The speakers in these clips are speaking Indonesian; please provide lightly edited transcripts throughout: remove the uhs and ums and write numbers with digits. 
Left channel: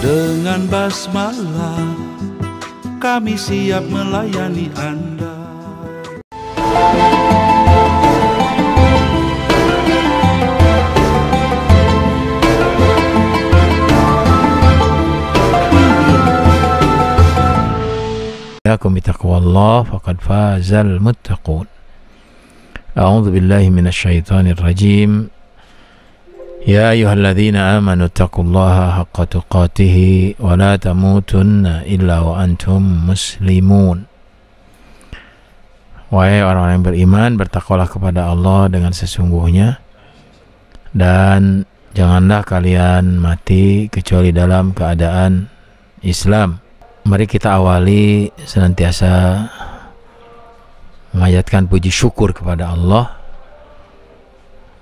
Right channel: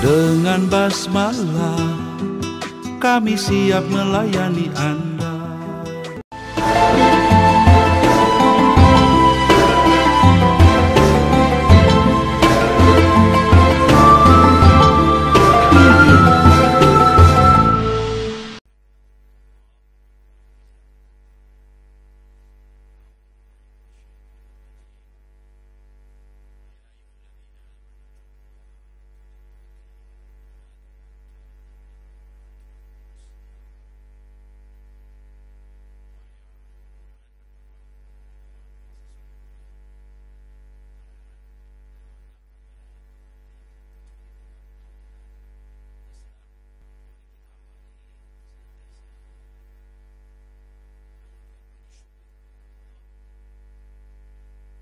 Dengan basmalah kami siap melayani Anda. Yakum bitaqwallah faqad fazal muttaqun. A'udzu billahi minasyaitonir rajim. Ya ayyuhalladzina amanu taqullaha haqqa tuqatih wa la tamutunna illa wa antum muslimun. Wahai orang-orang yang beriman, bertakwalah kepada Allah dengan sesungguhnya, dan janganlah kalian mati kecuali dalam keadaan Islam. Mari kita awali senantiasa menghayatkan puji syukur kepada Allah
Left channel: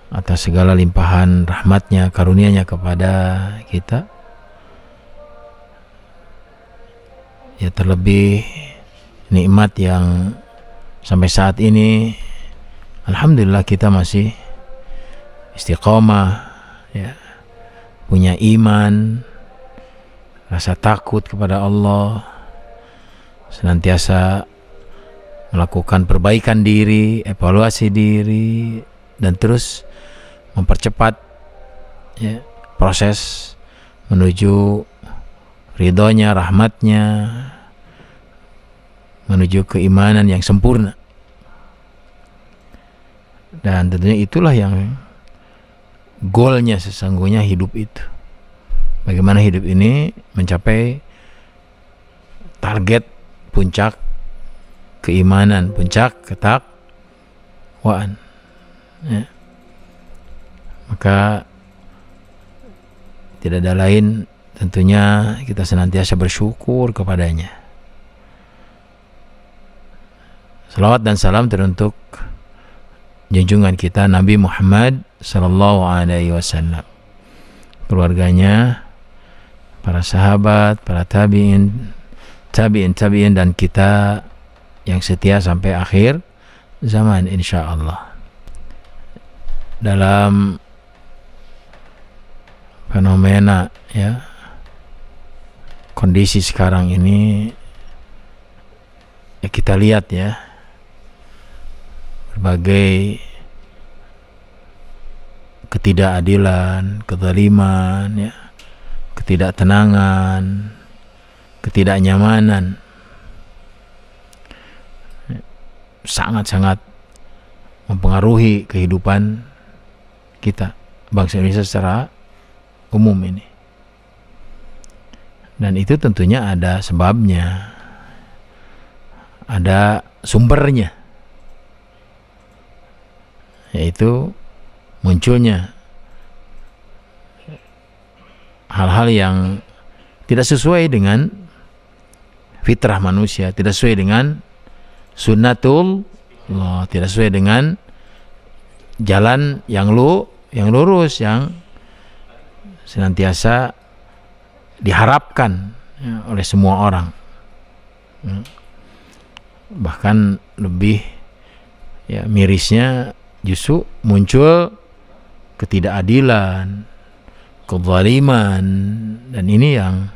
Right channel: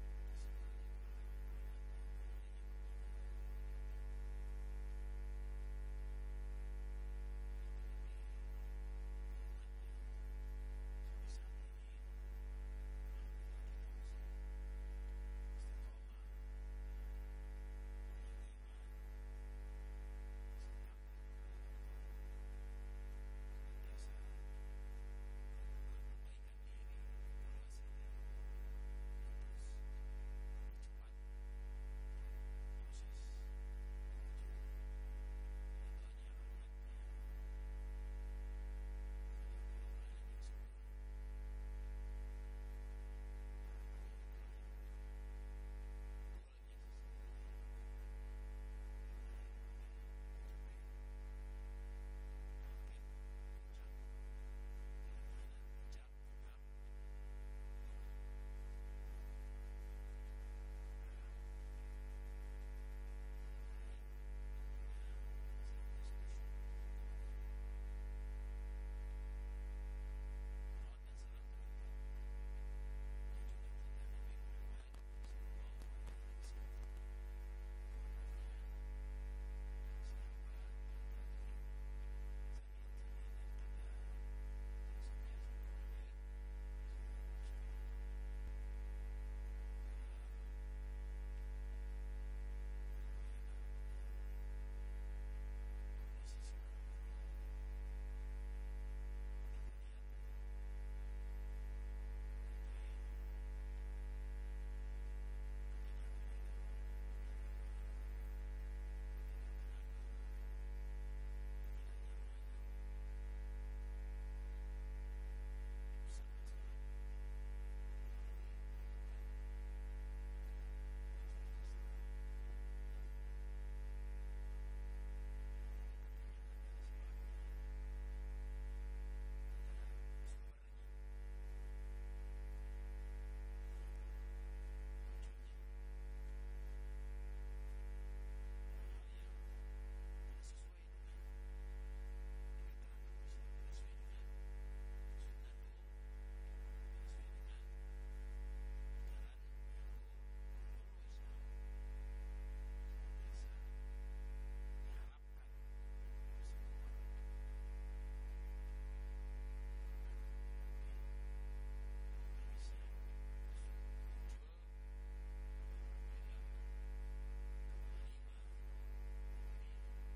atas segala limpahan rahmatnya, karunia-Nya kepada kita. Ya, terlebih nikmat yang sampai saat ini alhamdulillah kita masih istiqomah, ya, punya iman, rasa takut kepada Allah, senantiasa melakukan perbaikan diri, evaluasi diri, dan terus mempercepat, ya, proses menuju ridhonya, rahmatnya, menuju keimanan yang sempurna. Dan tentunya itulah yang goalnya sesungguhnya hidup itu. Bagaimana hidup ini mencapai target puncak keimanan, puncak ketakwaan, ya. Maka tidak ada lain tentunya kita senantiasa bersyukur kepadanya. Salawat dan salam teruntuk junjungan kita Nabi Muhammad sallallahu alaihi wasallam, keluarganya, para sahabat, para tabi'in, dan kita yang setia sampai akhir zaman insyaallah. Dalam fenomena, ya, kondisi sekarang ini, ya, kita lihat, ya, berbagai ketidakadilan, kezaliman, ya, ketidaktenangan, ketidaknyamanan, sangat-sangat mempengaruhi kehidupan kita, bangsa Indonesia secara umum ini. Dan itu tentunya ada sebabnya, ada sumbernya, yaitu munculnya hal-hal yang tidak sesuai dengan fitrah manusia, tidak sesuai dengan sunnatullah, tidak sesuai dengan jalan yang lurus, yang senantiasa diharapkan, ya, oleh semua orang. Bahkan lebih, ya, mirisnya justru muncul ketidakadilan, kezaliman, dan ini yang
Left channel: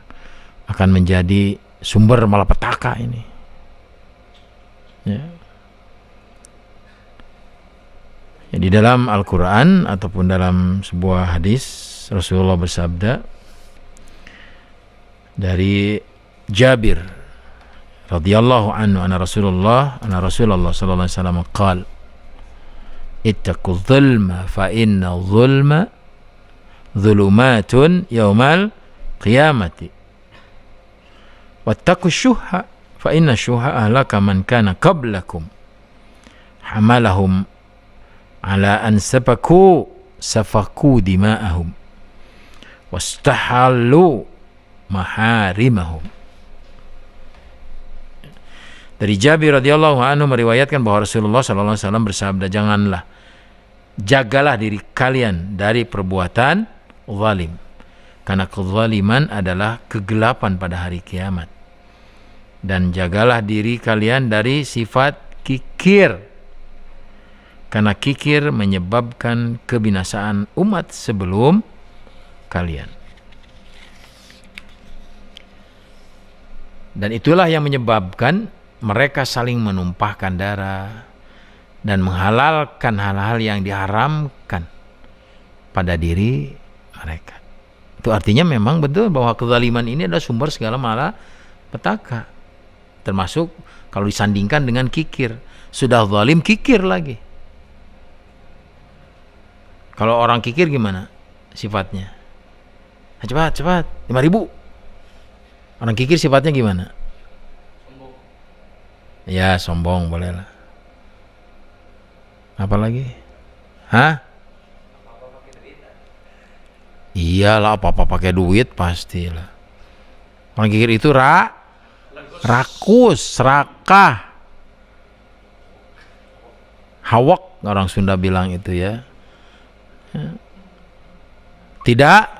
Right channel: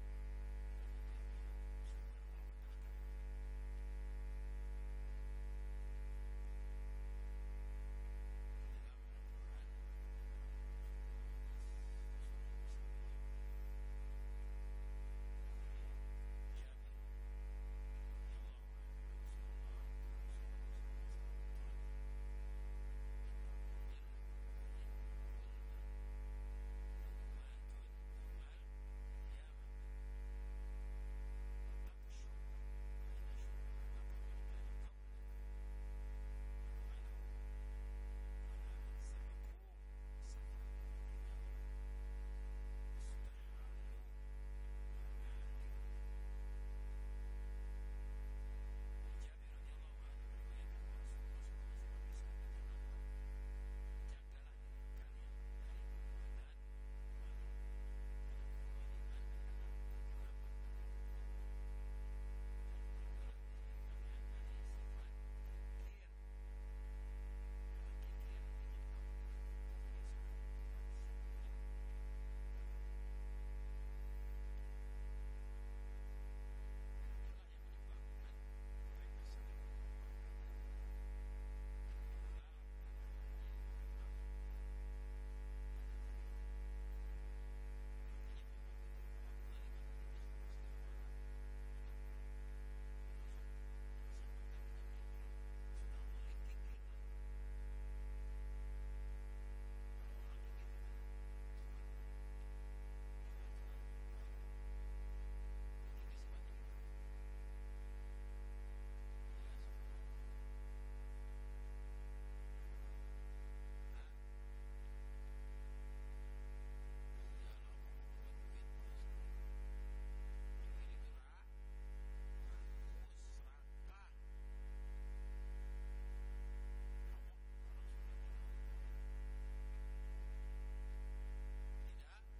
akan menjadi sumber malapetaka ini, ya. Ya, di dalam Al-Quran ataupun dalam sebuah hadis Rasulullah bersabda dari Jabir radhiyallahu anhu, anna Rasulullah sallallahu alaihi wasallam qala ittaqu dzulma fa inna dzulma dzulumatun yaumal qiyamati wattaqu syuhha fa inna syuhha ahlaka man kana qablakum hamalahum ala an safaku dima'ahum wastahallu maharimahum. Dari Jabir radhiyallahu anhu meriwayatkan bahwa Rasulullah sallallahu alaihi wasallam bersabda, jagalah diri kalian dari perbuatan zalim, karena kezaliman adalah kegelapan pada hari kiamat, dan jagalah diri kalian dari sifat kikir, karena kikir menyebabkan kebinasaan umat sebelum kalian. Dan itulah yang menyebabkan mereka saling menumpahkan darah dan menghalalkan hal-hal yang diharamkan pada diri mereka. Itu artinya memang betul bahwa kezaliman ini adalah sumber segala malapetaka. Termasuk kalau disandingkan dengan kikir. Sudah zalim, kikir lagi. Kalau orang kikir gimana sifatnya? Nah, cepat 5.000. Orang kikir sifatnya gimana? Sombong. Ya, sombong bolehlah. Apa lagi? Hah? Apa-apa pakai duit. Iyalah, apa-apa pakai duit pastilah. Orang kikir itu rakus, serakah, hawak, orang Sunda bilang itu ya. Tidak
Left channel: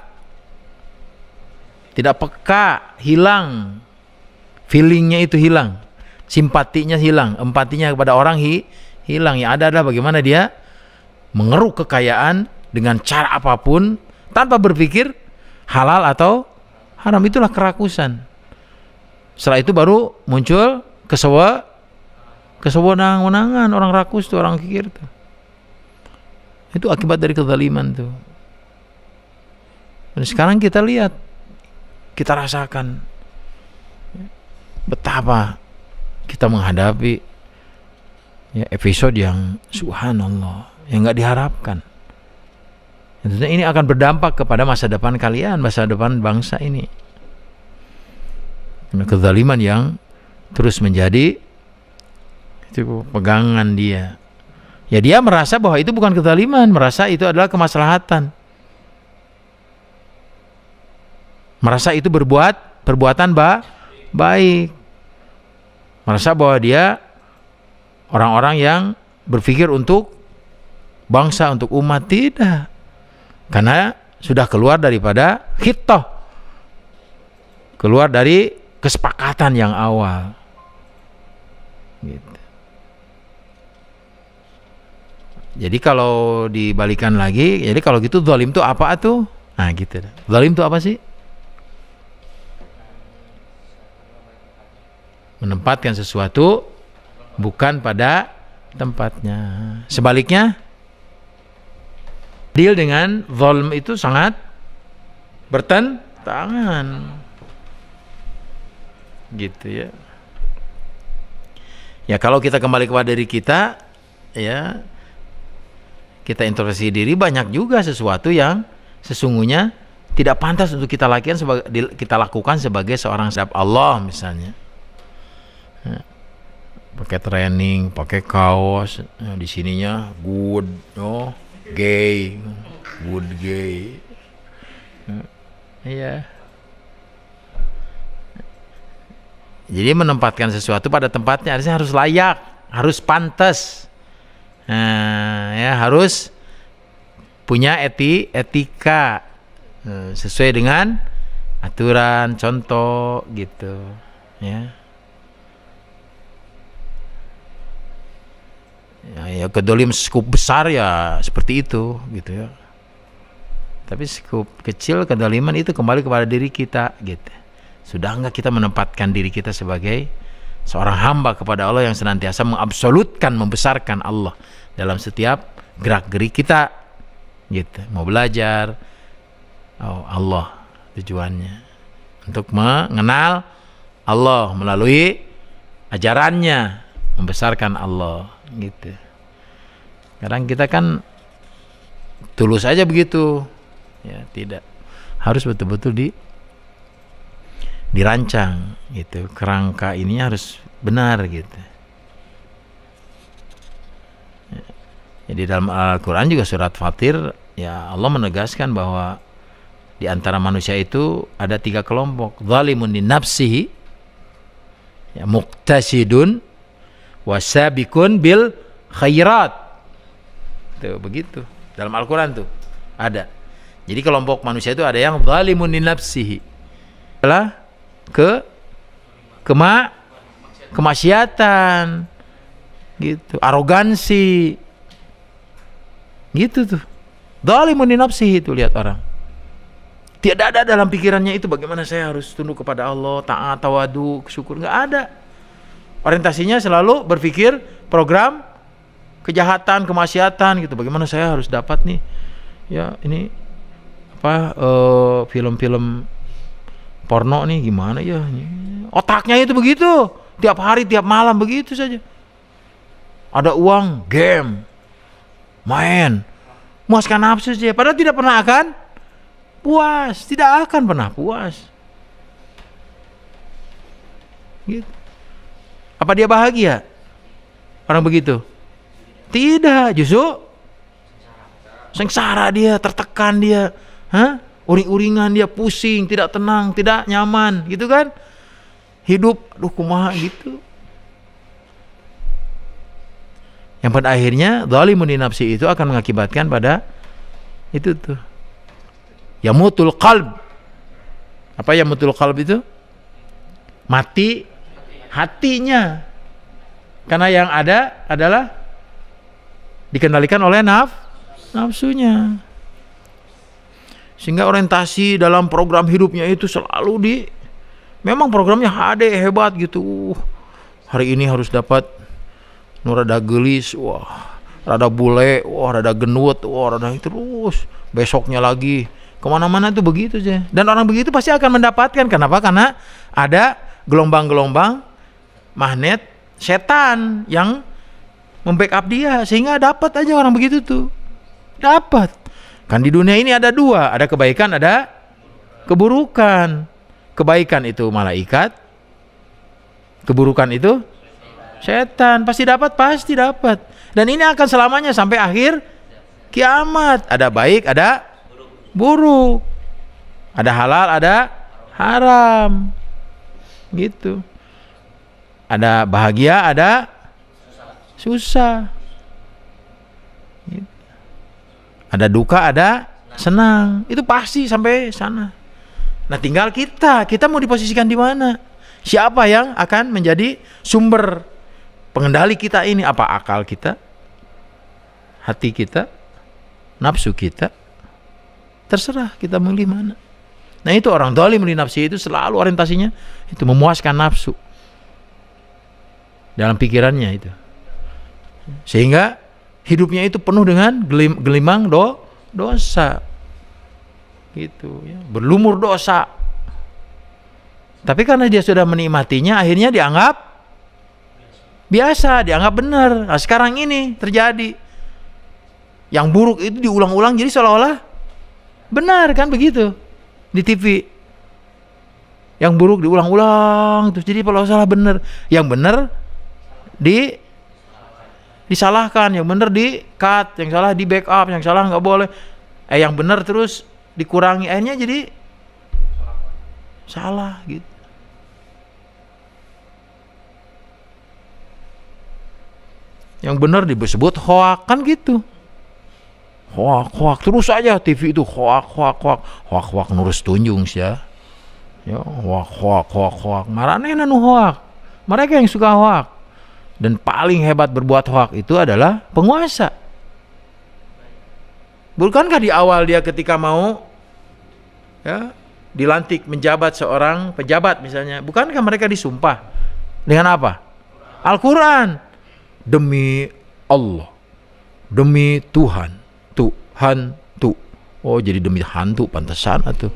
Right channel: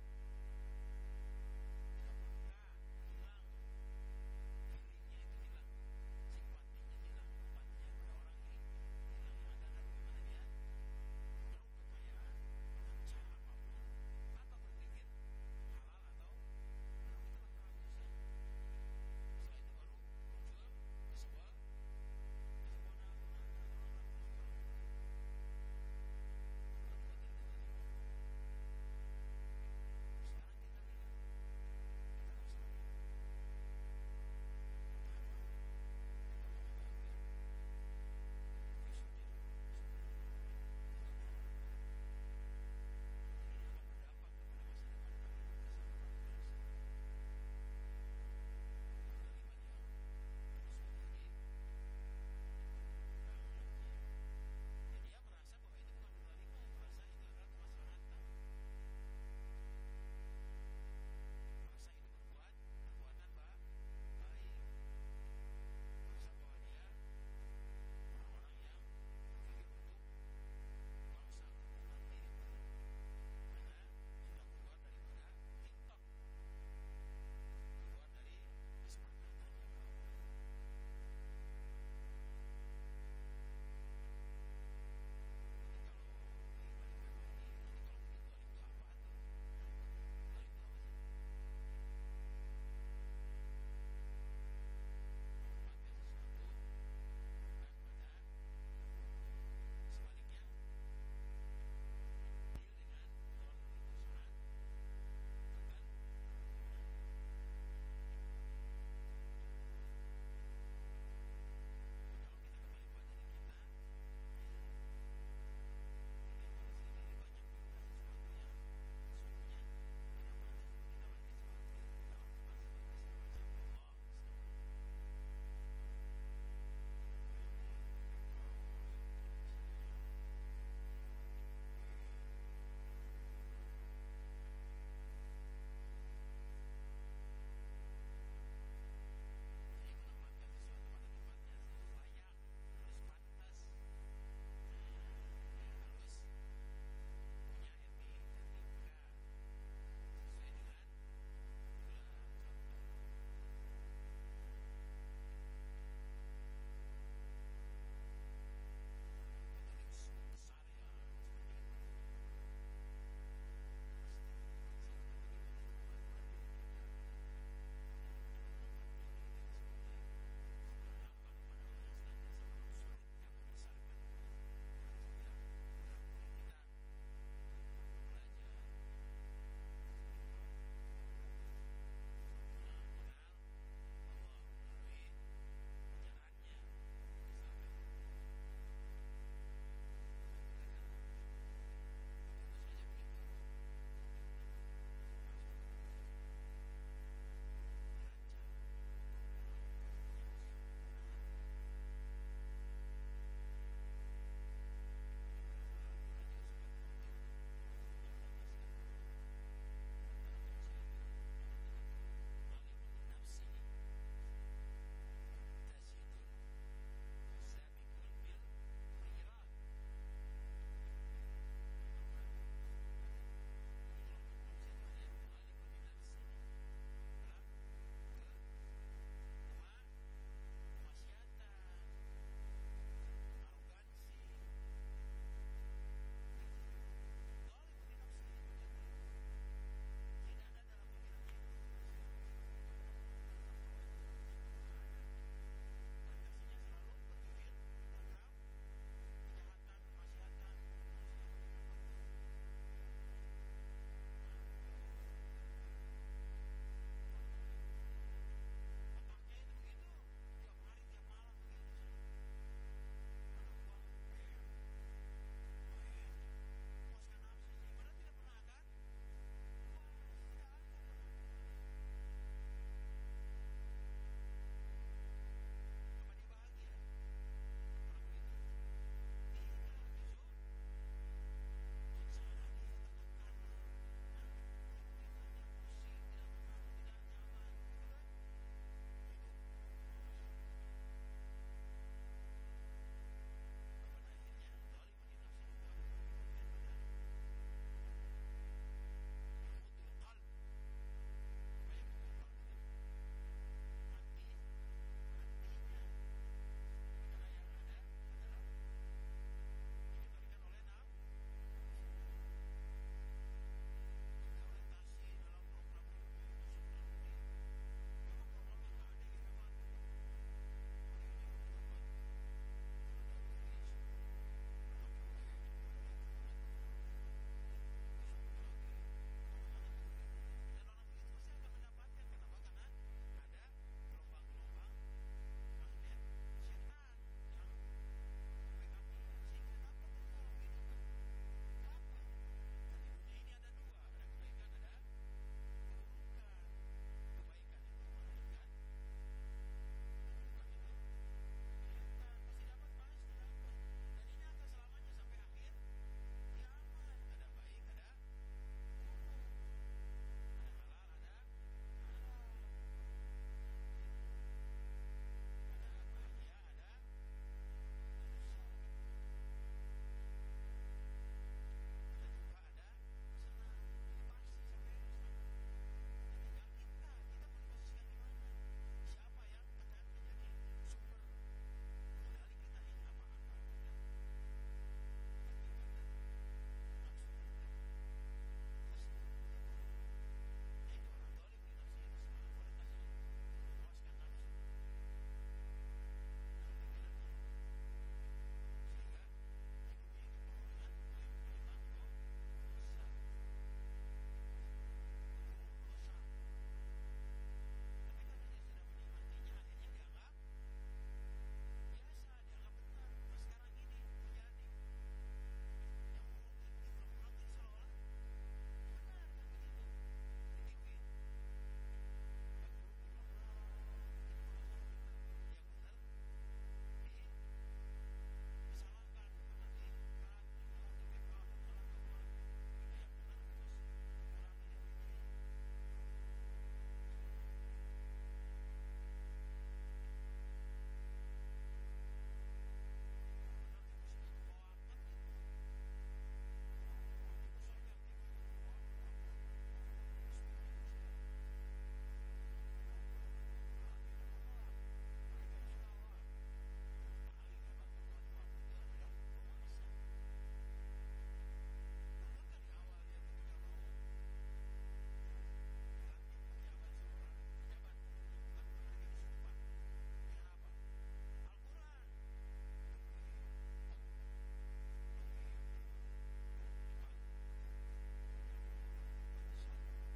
peka, hilang feelingnya, itu hilang, simpatinya hilang, empatinya kepada orang hilang. Yang ada adalah bagaimana dia mengeruk kekayaan dengan cara apapun tanpa berpikir halal atau haram. Itulah kerakusan. Setelah itu baru muncul kesewenang-wenangan. Orang rakus tuh, orang kikir tuh. Itu akibat dari kezaliman tuh. Dan sekarang kita lihat, kita rasakan betapa kita menghadapi episode yang subhanallah, yang nggak diharapkan. Tentunya ini akan berdampak kepada masa depan kalian, masa depan bangsa ini. Kezaliman yang terus menjadi itu pegangan dia. Ya, dia merasa bahwa itu bukan kezaliman, merasa itu adalah kemaslahatan. Merasa itu perbuatan baik. Merasa bahwa dia orang-orang yang berpikir untuk bangsa, untuk umat. Tidak. Karena sudah keluar daripada khitah. Keluar dari kesepakatan yang awal. Gitu. Jadi kalau dibalikan lagi, jadi kalau gitu zalim itu apa tuh? Nah gitu. Zalim itu apa sih? Menempatkan sesuatu bukan pada tempatnya. Sebaliknya, deal dengan zalim itu sangat bertentangan. Gitu ya. Ya, kalau kita kembali kepada diri kita, ya, kita introspeksi diri, banyak juga sesuatu yang sesungguhnya tidak pantas untuk kita lakukan sebagai seorang hamba Allah misalnya. Pakai training, pakai kaos, di sininya good, gay, good gay. Iya. Jadi menempatkan sesuatu pada tempatnya harus layak, harus pantas. Ya, harus punya etika sesuai dengan aturan, contoh gitu ya. Ya, kedolim skup besar ya seperti itu gitu ya. Tapi skup kecil kedoliman itu kembali kepada diri kita gitu. Sudah enggak kita menempatkan diri kita sebagai seorang hamba kepada Allah yang senantiasa mengabsolutkan, membesarkan Allah dalam setiap gerak-gerik kita gitu. Mau belajar, Allah tujuannya untuk mengenal Allah melalui ajarannya, membesarkan Allah gitu. Kadang kita kan tulus aja begitu ya, tidak, harus betul-betul dirancang gitu, kerangka ininya harus benar gitu. Jadi dalam Al-Quran juga surat Fatir, ya Allah menegaskan bahwa di antara manusia itu ada 3 kelompok. Zalimun li nafsihi, ya, muqtasidun, wasabikun bil khairat. Tuh begitu. Dalam Al-Quran tuh ada. Jadi kelompok manusia itu ada yang zalimun li nafsihi, adalah kemaksiatan gitu, arogansi gitu tuh. Zalimun li nafsihi itu, lihat orang Tidak ada dalam pikirannya itu bagaimana saya harus tunduk kepada Allah, taat, tawadu, syukur, nggak ada. Orientasinya selalu berpikir program kejahatan, kemaksiatan gitu. Bagaimana saya harus dapat nih, ya ini apa film-film porno nih gimana ya? Otaknya itu begitu, tiap hari, tiap malam begitu saja. Ada uang, game, main, muaskan nafsu saja. Padahal tidak pernah akan puas, tidak akan pernah puas. Gitu. Apa dia bahagia? Orang begitu? Tidak, justru sengsara dia, tertekan dia, uring-uringan dia, pusing, tidak tenang, tidak nyaman, gitu kan? Hidup, aduh kumaha gitu. Yang pada akhirnya zalimun li nafsi itu akan mengakibatkan pada itu tuh. Yamutul qalb. Apa yamutul qalb itu? Mati hatinya. Karena yang ada adalah dikendalikan oleh nafsunya. Sehingga orientasi dalam program hidupnya itu selalu memang programnya HD hebat gitu. Hari ini harus dapat rada gelis, wah, rada bule, wah, rada genut, wah, rada terus. Besoknya lagi kemana-mana itu begitu aja. Dan orang begitu pasti akan mendapatkan. Kenapa? Karena ada gelombang-gelombang magnet setan yang membackup dia, sehingga dapat aja orang begitu tuh. Dapat. Kan di dunia ini ada dua, ada kebaikan, ada keburukan. Kebaikan itu malaikat, keburukan itu setan. Pasti dapat. Dan ini akan selamanya sampai akhir kiamat. Ada baik, ada buruk. Ada halal, ada haram. Gitu. Ada bahagia, ada susah. Gitu. Ada duka, ada senang. Itu pasti sampai sana. Nah, tinggal kita mau diposisikan di mana? Siapa yang akan menjadi sumber pengendali kita ini? Apa akal kita? Hati kita? Nafsu kita? Terserah kita milih mana. Nah, itu orang zalim li nafsi itu selalu orientasinya itu memuaskan nafsu dalam pikirannya itu. Sehingga hidupnya itu penuh dengan gelimang dosa. Gitu ya, berlumur dosa. Tapi karena dia sudah menikmatinya, akhirnya dianggap biasa, dianggap benar. Nah, sekarang ini terjadi. Yang buruk itu diulang-ulang jadi seolah-olah benar, kan begitu di TV. Yang buruk diulang-ulang terus jadi kalau salah benar. Yang benar disalahkan, yang benar di cut, yang salah di backup, yang salah nggak boleh. Yang benar terus dikurangi, akhirnya jadi salah gitu. Yang benar disebut hoak, kan gitu. Hoak terus aja TV itu hoak nurus tunjung sih ya. Ya, hoak. Marane nu hoak. Mereka yang suka hoak. Dan paling hebat berbuat hoak itu adalah penguasa. Bukankah di awal dia ketika mau ya dilantik menjabat seorang pejabat misalnya, bukankah mereka disumpah dengan apa? Al-Quran. Demi Allah, demi Tuhan tuh. Oh, jadi demi hantu, pantesan atuh.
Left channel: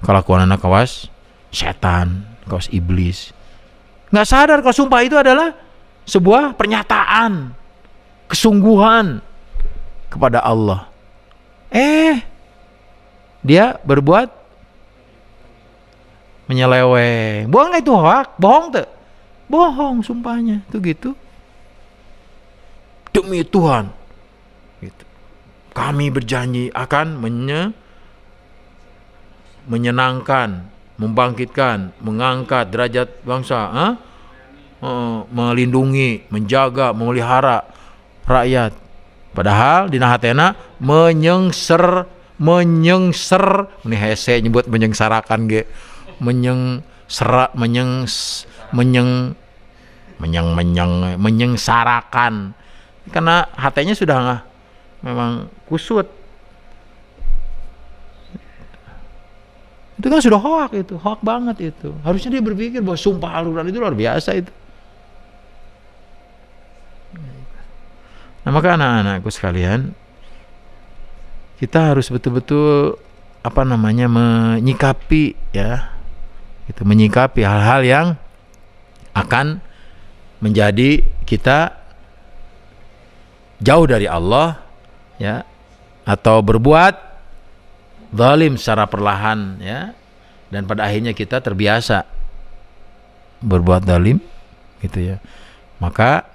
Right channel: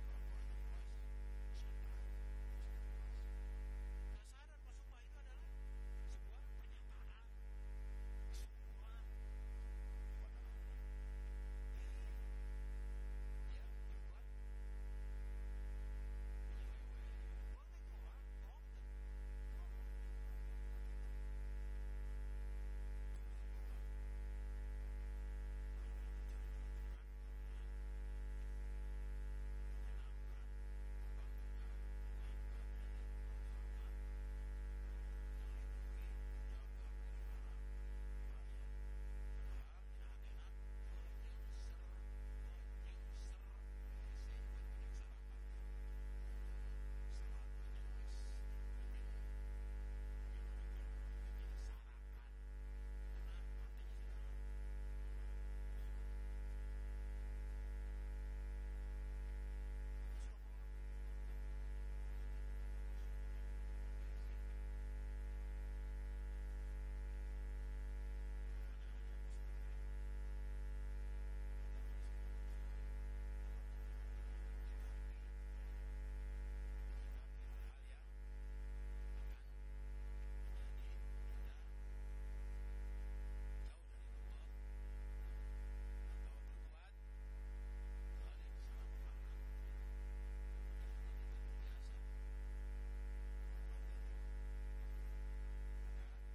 Kelakuan anak kawas setan, kawas iblis. Nggak sadar kalau sumpah itu adalah sebuah pernyataan kesungguhan kepada Allah. Dia berbuat menyeleweng. Bohong nggak itu hoak? Bohong tuh. Bohong sumpahnya tuh gitu. Demi Tuhan gitu. Kami berjanji akan menyenangkan, membangkitkan, mengangkat derajat bangsa, melindungi, menjaga, memelihara rakyat. Padahal di nahatena menyengser ini hese nyebut menyengsarakan ge. Menyengsarakan. Karena hatenya sudah memang kusut. Itu kan sudah hoak itu, hoak banget itu. Harusnya dia berpikir bahwa sumpah Al-Quran itu luar biasa itu. Nah, maka anak-anakku sekalian, kita harus betul-betul menyikapi ya, itu menyikapi hal-hal yang akan menjadi kita jauh dari Allah ya, atau berbuat zalim secara perlahan ya, dan pada akhirnya kita terbiasa berbuat zalim gitu ya. Maka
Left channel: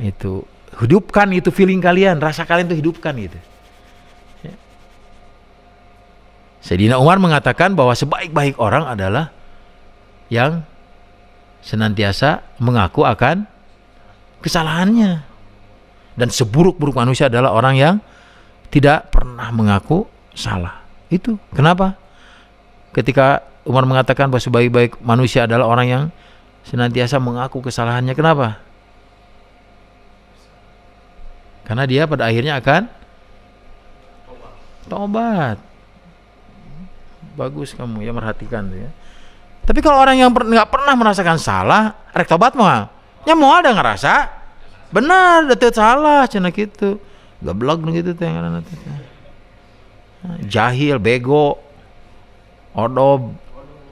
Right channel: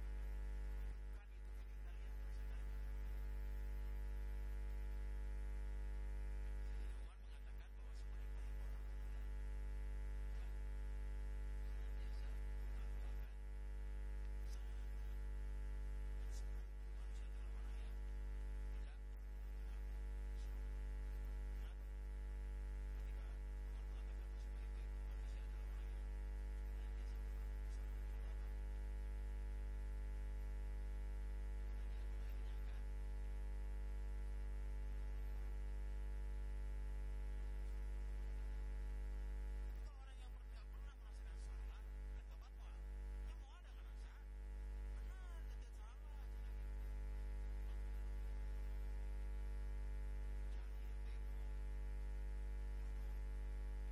itu hidupkan itu feeling kalian, rasa kalian itu hidupkan gitu ya. Sayyidina Umar mengatakan bahwa sebaik-baik orang adalah yang senantiasa mengaku akan kesalahannya, dan seburuk-buruk manusia adalah orang yang tidak pernah mengaku salah. Itu kenapa ketika Umar mengatakan bahwa sebaik-baik manusia adalah orang yang senantiasa mengaku kesalahannya, kenapa? Karena dia pada akhirnya akan tobat. Bagus kamu ya merhatikan tuh ya. Tapi kalau orang yang nggak pernah merasakan salah, rek tobat mah, nya mau ada ngerasa benar, detet salah, cina gitu, gablok gitu teh ngaranna teh. Jahil, bego, odob,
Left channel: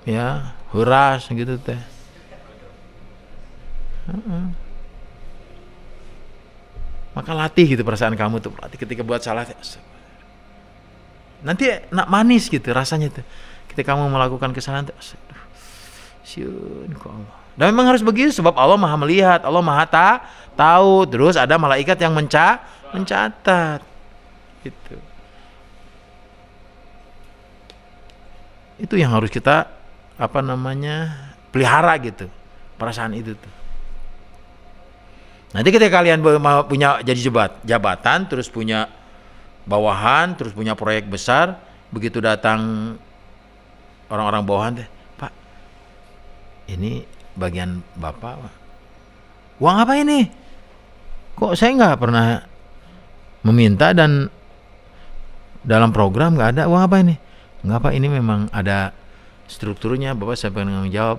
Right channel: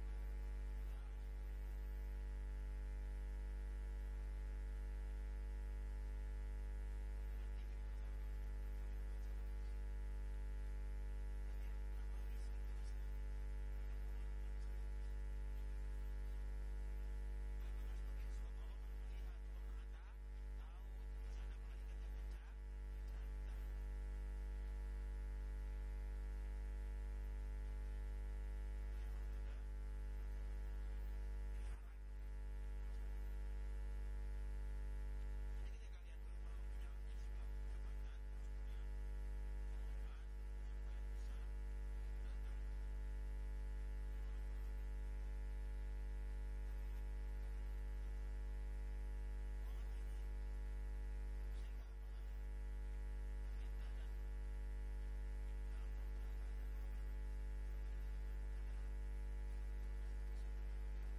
ya, huras gitu teh. Maka latih gitu perasaan kamu tuh, latih ketika buat salah. Nanti nak manis gitu rasanya tuh. Ketika kamu melakukan kesalahan tuh, syun kok Allah. Dan memang harus begitu sebab Allah Maha melihat, Allah Maha tahu. Terus ada malaikat yang mencatat. Gitu. Itu yang harus kita pelihara gitu, perasaan itu tuh. Nanti ketika kalian punya jadi jabatan, terus punya bawahan, terus punya proyek besar, begitu datang orang-orang bawahan teh, Pak, ini bagian Bapak, Pak. Uang apa ini? Kok saya nggak pernah meminta dan dalam program nggak ada, uang apa ini? Nggak, Pak, ini memang ada strukturnya, Bapak saya pengen jawab.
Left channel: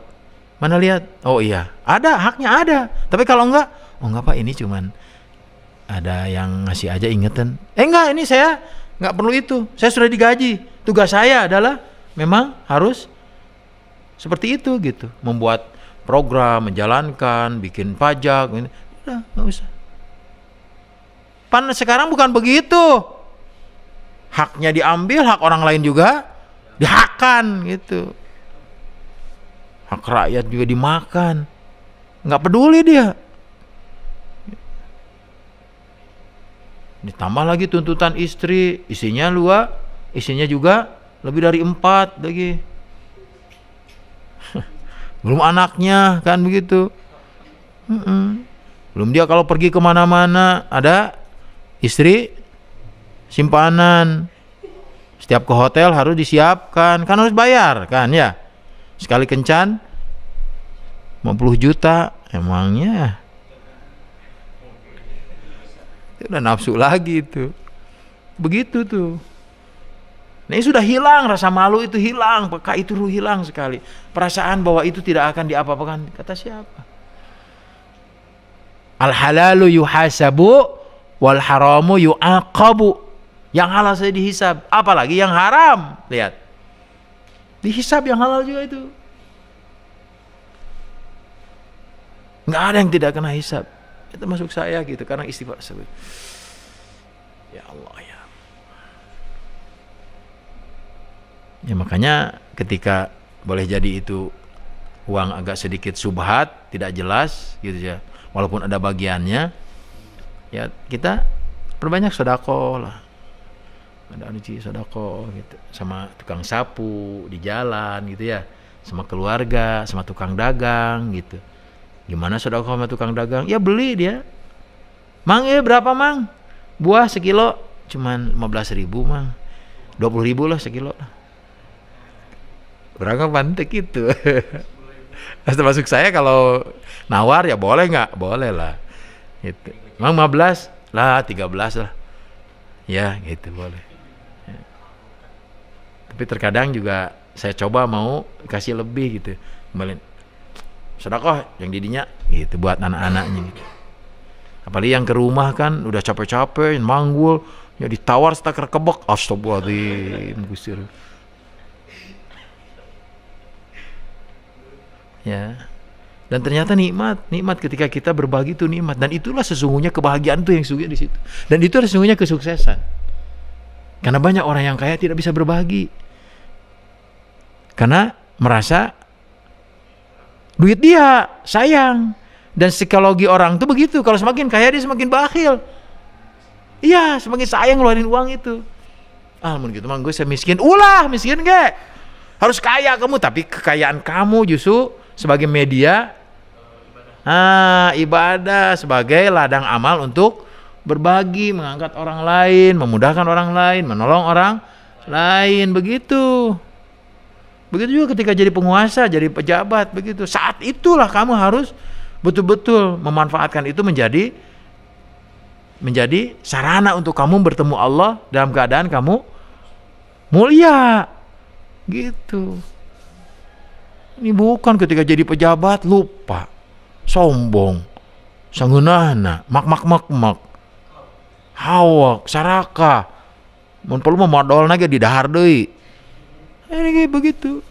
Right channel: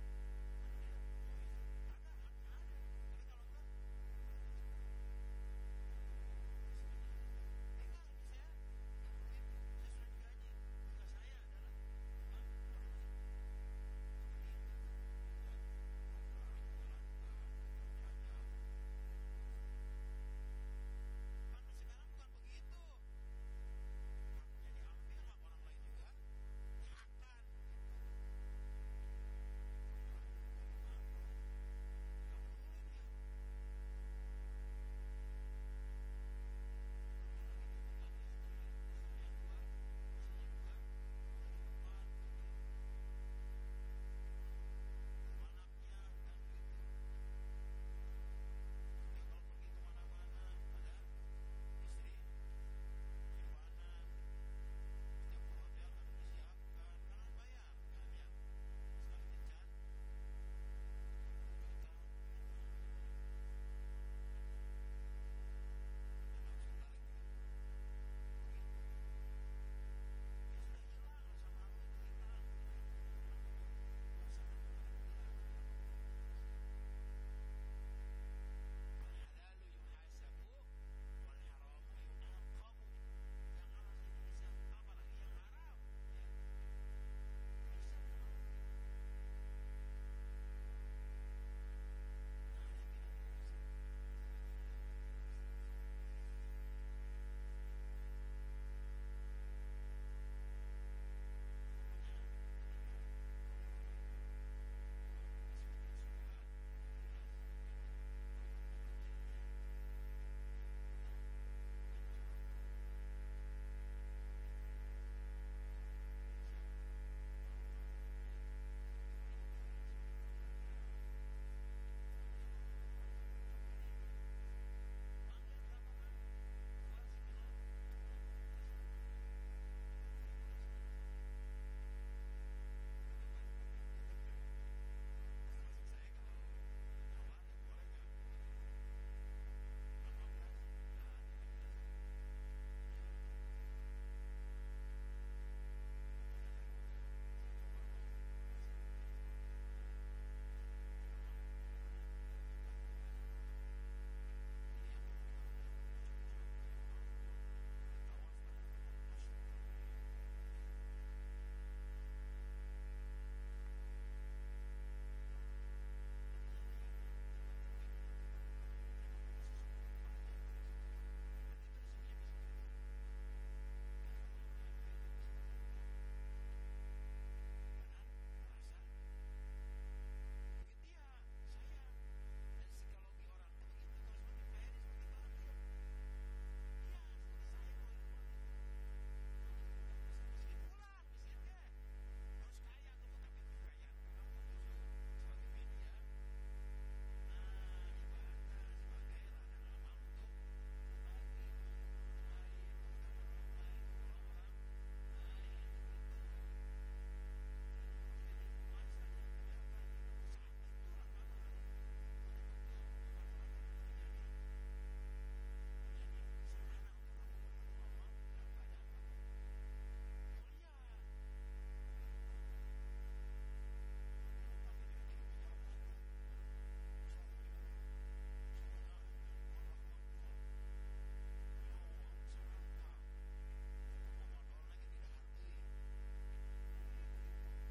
Mana lihat? Oh iya, ada, haknya ada. Tapi kalau enggak, oh enggak Pak, ini cuman ada yang ngasih aja ingetan. Enggak, ini saya nggak perlu itu. Saya sudah digaji. Tugas saya adalah memang harus seperti itu gitu. Membuat program, menjalankan, bikin pajak. Udah, nggak usah. Sekarang bukan begitu. Haknya diambil, hak orang lain juga dihakkan gitu. Hak rakyat juga dimakan. Nggak peduli dia. Ditambah lagi tuntutan istri, isinya juga lebih dari 4 lagi. Belum anaknya kan begitu. Belum dia kalau pergi kemana-mana ada istri simpanan. Setiap ke hotel harus disiapkan, kan harus bayar kan ya. Sekali kencan 50 juta emangnya. Itu udah nafsu lagi itu. Begitu tuh. Nah, ini sudah hilang, rasa malu itu hilang, peka itu hilang sekali. Perasaan bahwa itu tidak akan diapa-apakan. Kata siapa? Al halalu yuhasabu wal haramu yu'aqabu. Yang halal saya dihisab, apalagi yang haram. Lihat. Dihisab yang halal juga itu. Nggak ada yang tidak kena hisab. Itu masuk saya gitu, karena istighfar sebut. Ya Allah ya. Ya makanya ketika boleh jadi itu uang agak sedikit subhat, tidak jelas gitu ya. Walaupun ada bagiannya, ya kita perbanyak sedekah lah. Ada anuci sedekah gitu, sama tukang sapu di jalan gitu ya, sama keluarga, sama tukang dagang gitu. Gimana sedekah sama tukang dagang? Ya beli dia. Mang berapa mang? Buah sekilo cuman 15.000 mang. 20.000 lah sekilo. Berangkat pantek gitu. Termasuk saya kalau nawar ya boleh nggak? Boleh lah. Gitu. Mang 15 lah, 13 lah. Ya gitu boleh. Tapi terkadang juga saya coba mau kasih lebih gitu, kembali sedekah yang didinya gitu buat anak-anaknya gitu. Apalagi yang ke rumah kan udah capek-capek manggul, ya ditawar setak kebek, astagfirullahaladzim Gusti. Ya. Dan ternyata nikmat ketika kita berbagi itu nikmat, dan itulah sesungguhnya kebahagiaan tuh yang sesungguhnya di situ. Dan itu sesungguhnya kesuksesan. Karena banyak orang yang kaya tidak bisa berbagi. Karena merasa duit dia sayang. Dan psikologi orang tuh begitu, kalau semakin kaya dia semakin bakhil. Iya, semakin sayang ngeluarin uang itu. Mun gitu mang gue saya miskin. Ulah miskin ge. Harus kaya kamu, tapi kekayaan kamu justru sebagai media ibadah, sebagai ladang amal untuk berbagi, mengangkat orang lain, memudahkan orang lain, menolong orang lain, begitu. Begitu juga ketika jadi penguasa, jadi pejabat, begitu. Saat itulah kamu harus betul-betul memanfaatkan itu menjadi sarana untuk kamu bertemu Allah dalam keadaan kamu mulia, gitu. Ini bukan ketika jadi pejabat lupa, sombong, sangeunahna, mak, hawak, saraka, mun perlu modalna ge di dahar deui. Ini kayak begitu.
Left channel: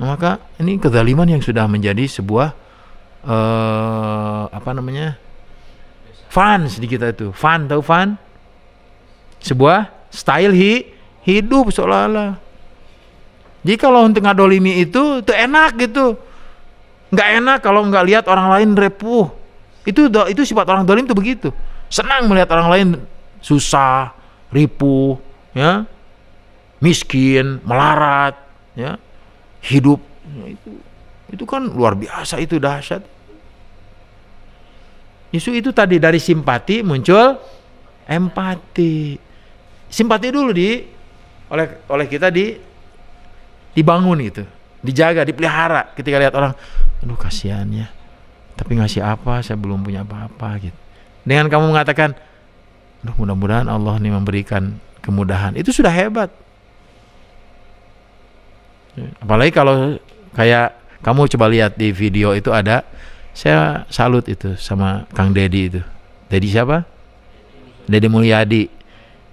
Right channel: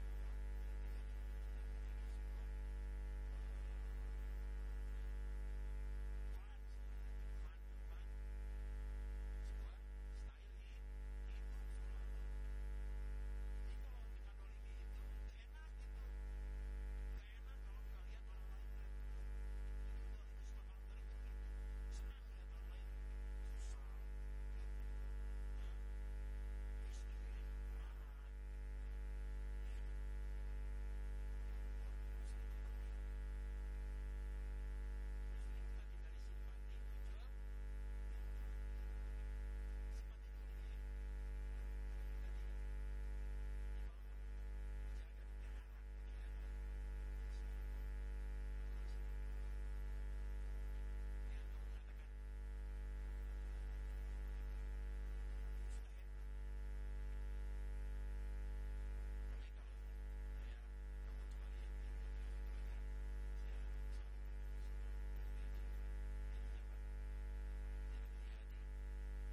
Nah, maka ini kezaliman yang sudah menjadi sebuah fun sedikit itu. Fun, tahu fun? Sebuah style hidup seolah-olah. Jadi kalau untuk ngadolimi itu enak gitu. Nggak enak kalau nggak lihat orang lain repuh. Itu sifat orang dolim itu begitu. Senang melihat orang lain susah, ripuh, ya, miskin, melarat, ya, hidup. Itu kan luar biasa, itu dahsyat. Itu tadi dari simpati muncul empati. Simpati dulu oleh kita dibangun gitu, dijaga, dipelihara. Ketika lihat orang, aduh kasihannya, tapi ngasih apa, saya belum punya apa-apa gitu. Dengan kamu mengatakan, aduh mudah-mudahan Allah nih memberikan kemudahan, itu sudah hebat. Apalagi kalau kayak kamu coba lihat di video itu ada, saya salut itu sama Kang Dedi itu. Dedi siapa? Dedi Mulyadi.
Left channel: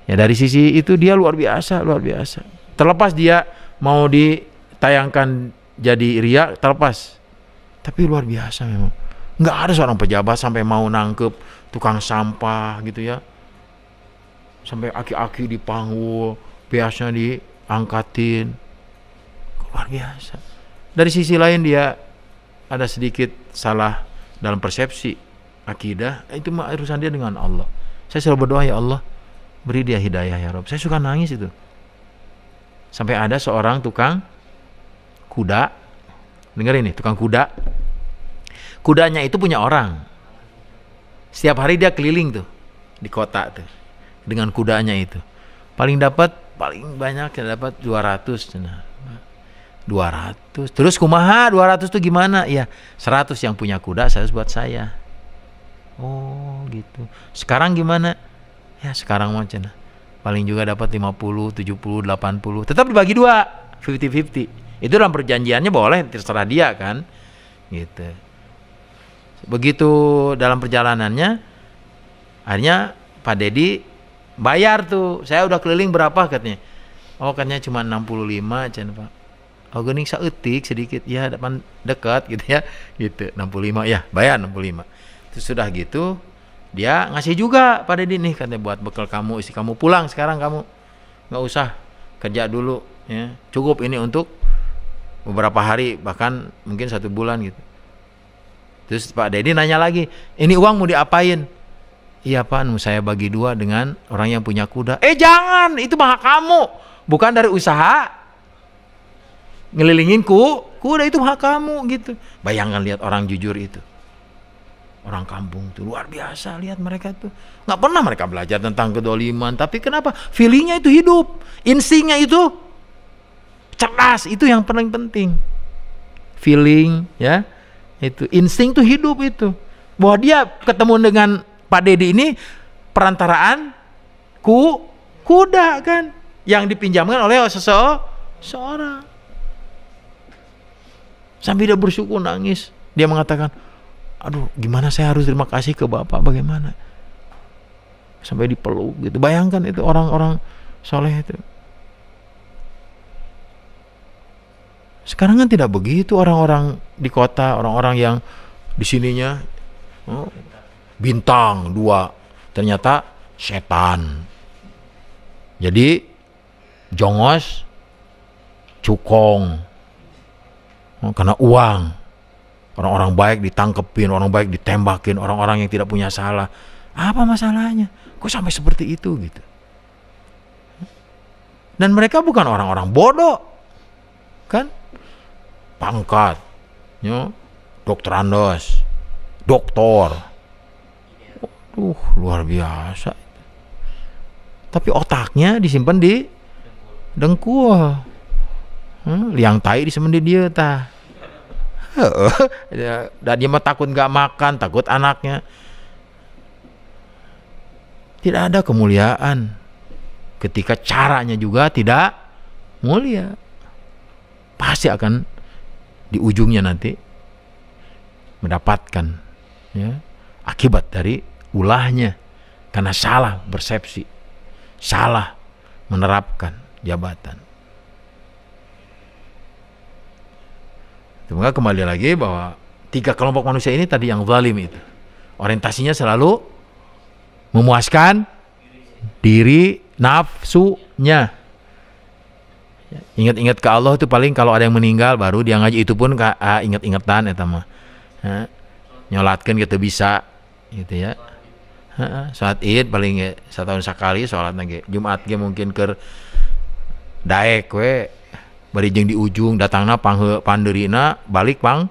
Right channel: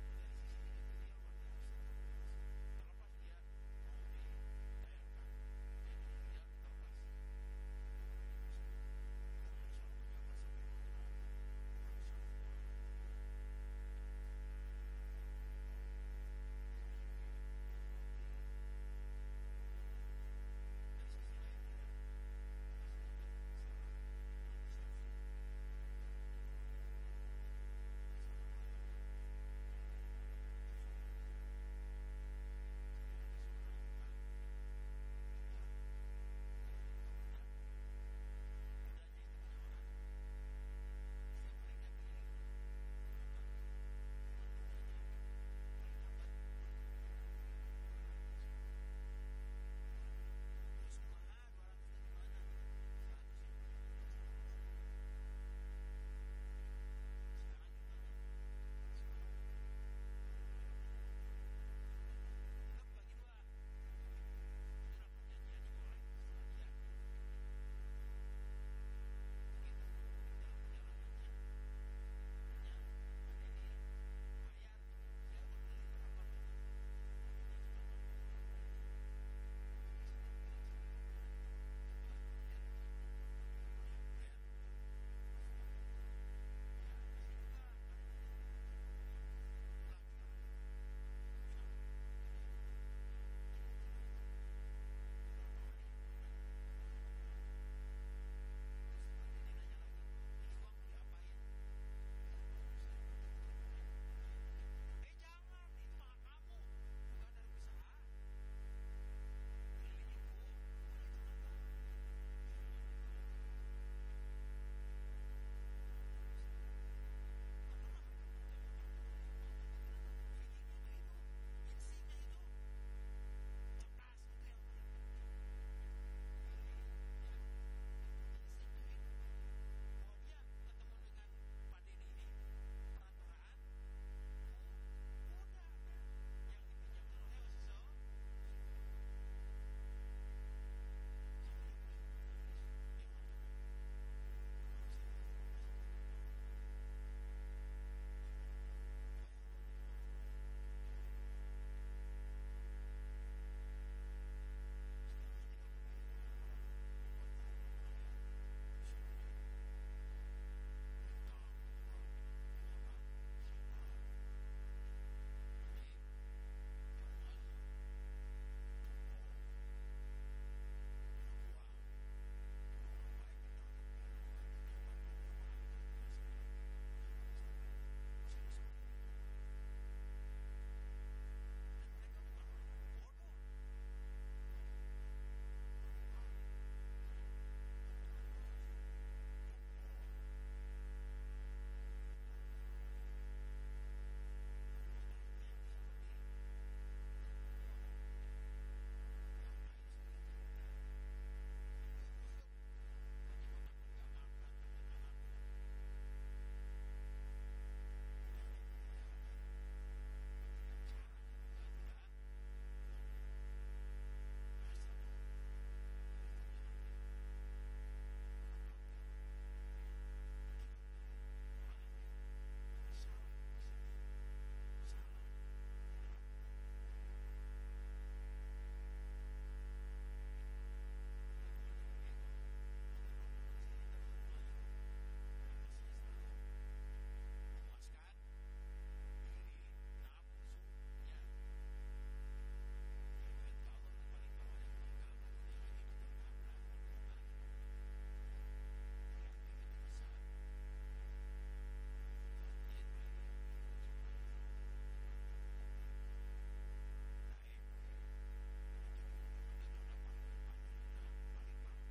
Ya dari sisi itu dia luar biasa. Terlepas dia mau ditayangkan jadi ria, terlepas. Tapi luar biasa memang. Nggak ada seorang pejabat sampai mau nangkep tukang sampah gitu ya. Sampai aki-aki dipanggul, biasanya diangkatin. Luar biasa. Dari sisi lain dia ada sedikit salah dalam persepsi akidah, itu mah urusan dia dengan Allah. Saya selalu berdoa, ya Allah, beri dia hidayah ya Rabb. Saya suka nangis itu. Sampai ada seorang tukang kuda, dengar ini, tukang kuda. Kudanya itu punya orang. Setiap hari dia keliling tuh di kota tuh dengan kudanya itu. Paling banyak ya dapat 200. Nah, 200. Terus kumaha 200 tuh gimana? Ya 100 yang punya kuda 100 buat saya. Oh gitu. Sekarang gimana? Ya sekarang mah cenah paling juga dapat 50, 70, 80. Tetap dibagi 2, 50-50. Itu dalam perjanjiannya boleh, terserah dia kan. Gitu. Begitu dalam perjalanannya, akhirnya Pak Dedi bayar tuh. Saya udah keliling berapa katanya? Oh katanya cuma 65 cenah Pak. Oh geuning saeutik sedikit ya, depan dekat gitu ya. Gitu 65 ya, bayar 65. Terus sudah gitu dia ngasih juga Pak Dedi nih, katanya buat bekal kamu, isi kamu pulang sekarang, kamu nggak usah kerja dulu ya, cukup ini untuk beberapa hari bahkan mungkin 1 bulan gitu. Terus Pak Dedi nanya lagi, ini uang mau diapain? Iya Pak, saya bagi 2 dengan orang yang punya kuda. Jangan, itu mah hak kamu, bukan dari usaha ngelilingin kuda, itu hak kamu gitu. Bayangkan lihat orang jujur itu. Orang kampung tuh luar biasa, lihat mereka tuh nggak pernah mereka belajar tentang kedoliman, tapi kenapa feelingnya itu hidup, instingnya itu cerdas, itu yang paling penting. Feeling ya, itu insting tuh hidup itu. Bahwa dia ketemu dengan Pak Dedi ini perantaraan Kuda kan, yang dipinjamkan oleh seseorang. Sambil dia bersyukur nangis. Dia mengatakan, aduh gimana saya harus terima kasih ke Bapak, bagaimana. Sampai dipeluk gitu. Bayangkan itu orang-orang soleh itu. Sekarang kan tidak begitu orang-orang di kota, orang-orang yang di sininya bintang 2, ternyata setan. Jadi jongos, cukong, karena uang. Orang-orang baik ditangkepin, orang baik ditembakin, orang-orang yang tidak punya salah. Apa masalahnya? Kok sampai seperti itu gitu? Dan mereka bukan orang-orang bodoh, kan? Pangkat, dokter Andos, doktor. Luar biasa. Tapi otaknya disimpan di dengkul. Liang tai disimpan di dia tah. Dan dia mah takut gak makan, takut anaknya. Tidak ada kemuliaan ketika caranya juga tidak mulia. Pasti akan di ujungnya nanti mendapatkan akibat dari ulahnya, karena salah persepsi, salah menerapkan jabatan. Semoga kembali lagi bahwa 3 kelompok manusia ini tadi yang zalim itu orientasinya selalu memuaskan diri nafsunya. Ingat-ingat ke Allah itu paling kalau ada yang meninggal baru dia ngaji, itu pun ingat-ingatan eta mah. Nyolatkeun gitu bisa gitu ya. Salat Id paling setahun sekali salatna ge. Jumat ge mungkin keur daek we bari jeung di ujung datangna pandeurina balik pang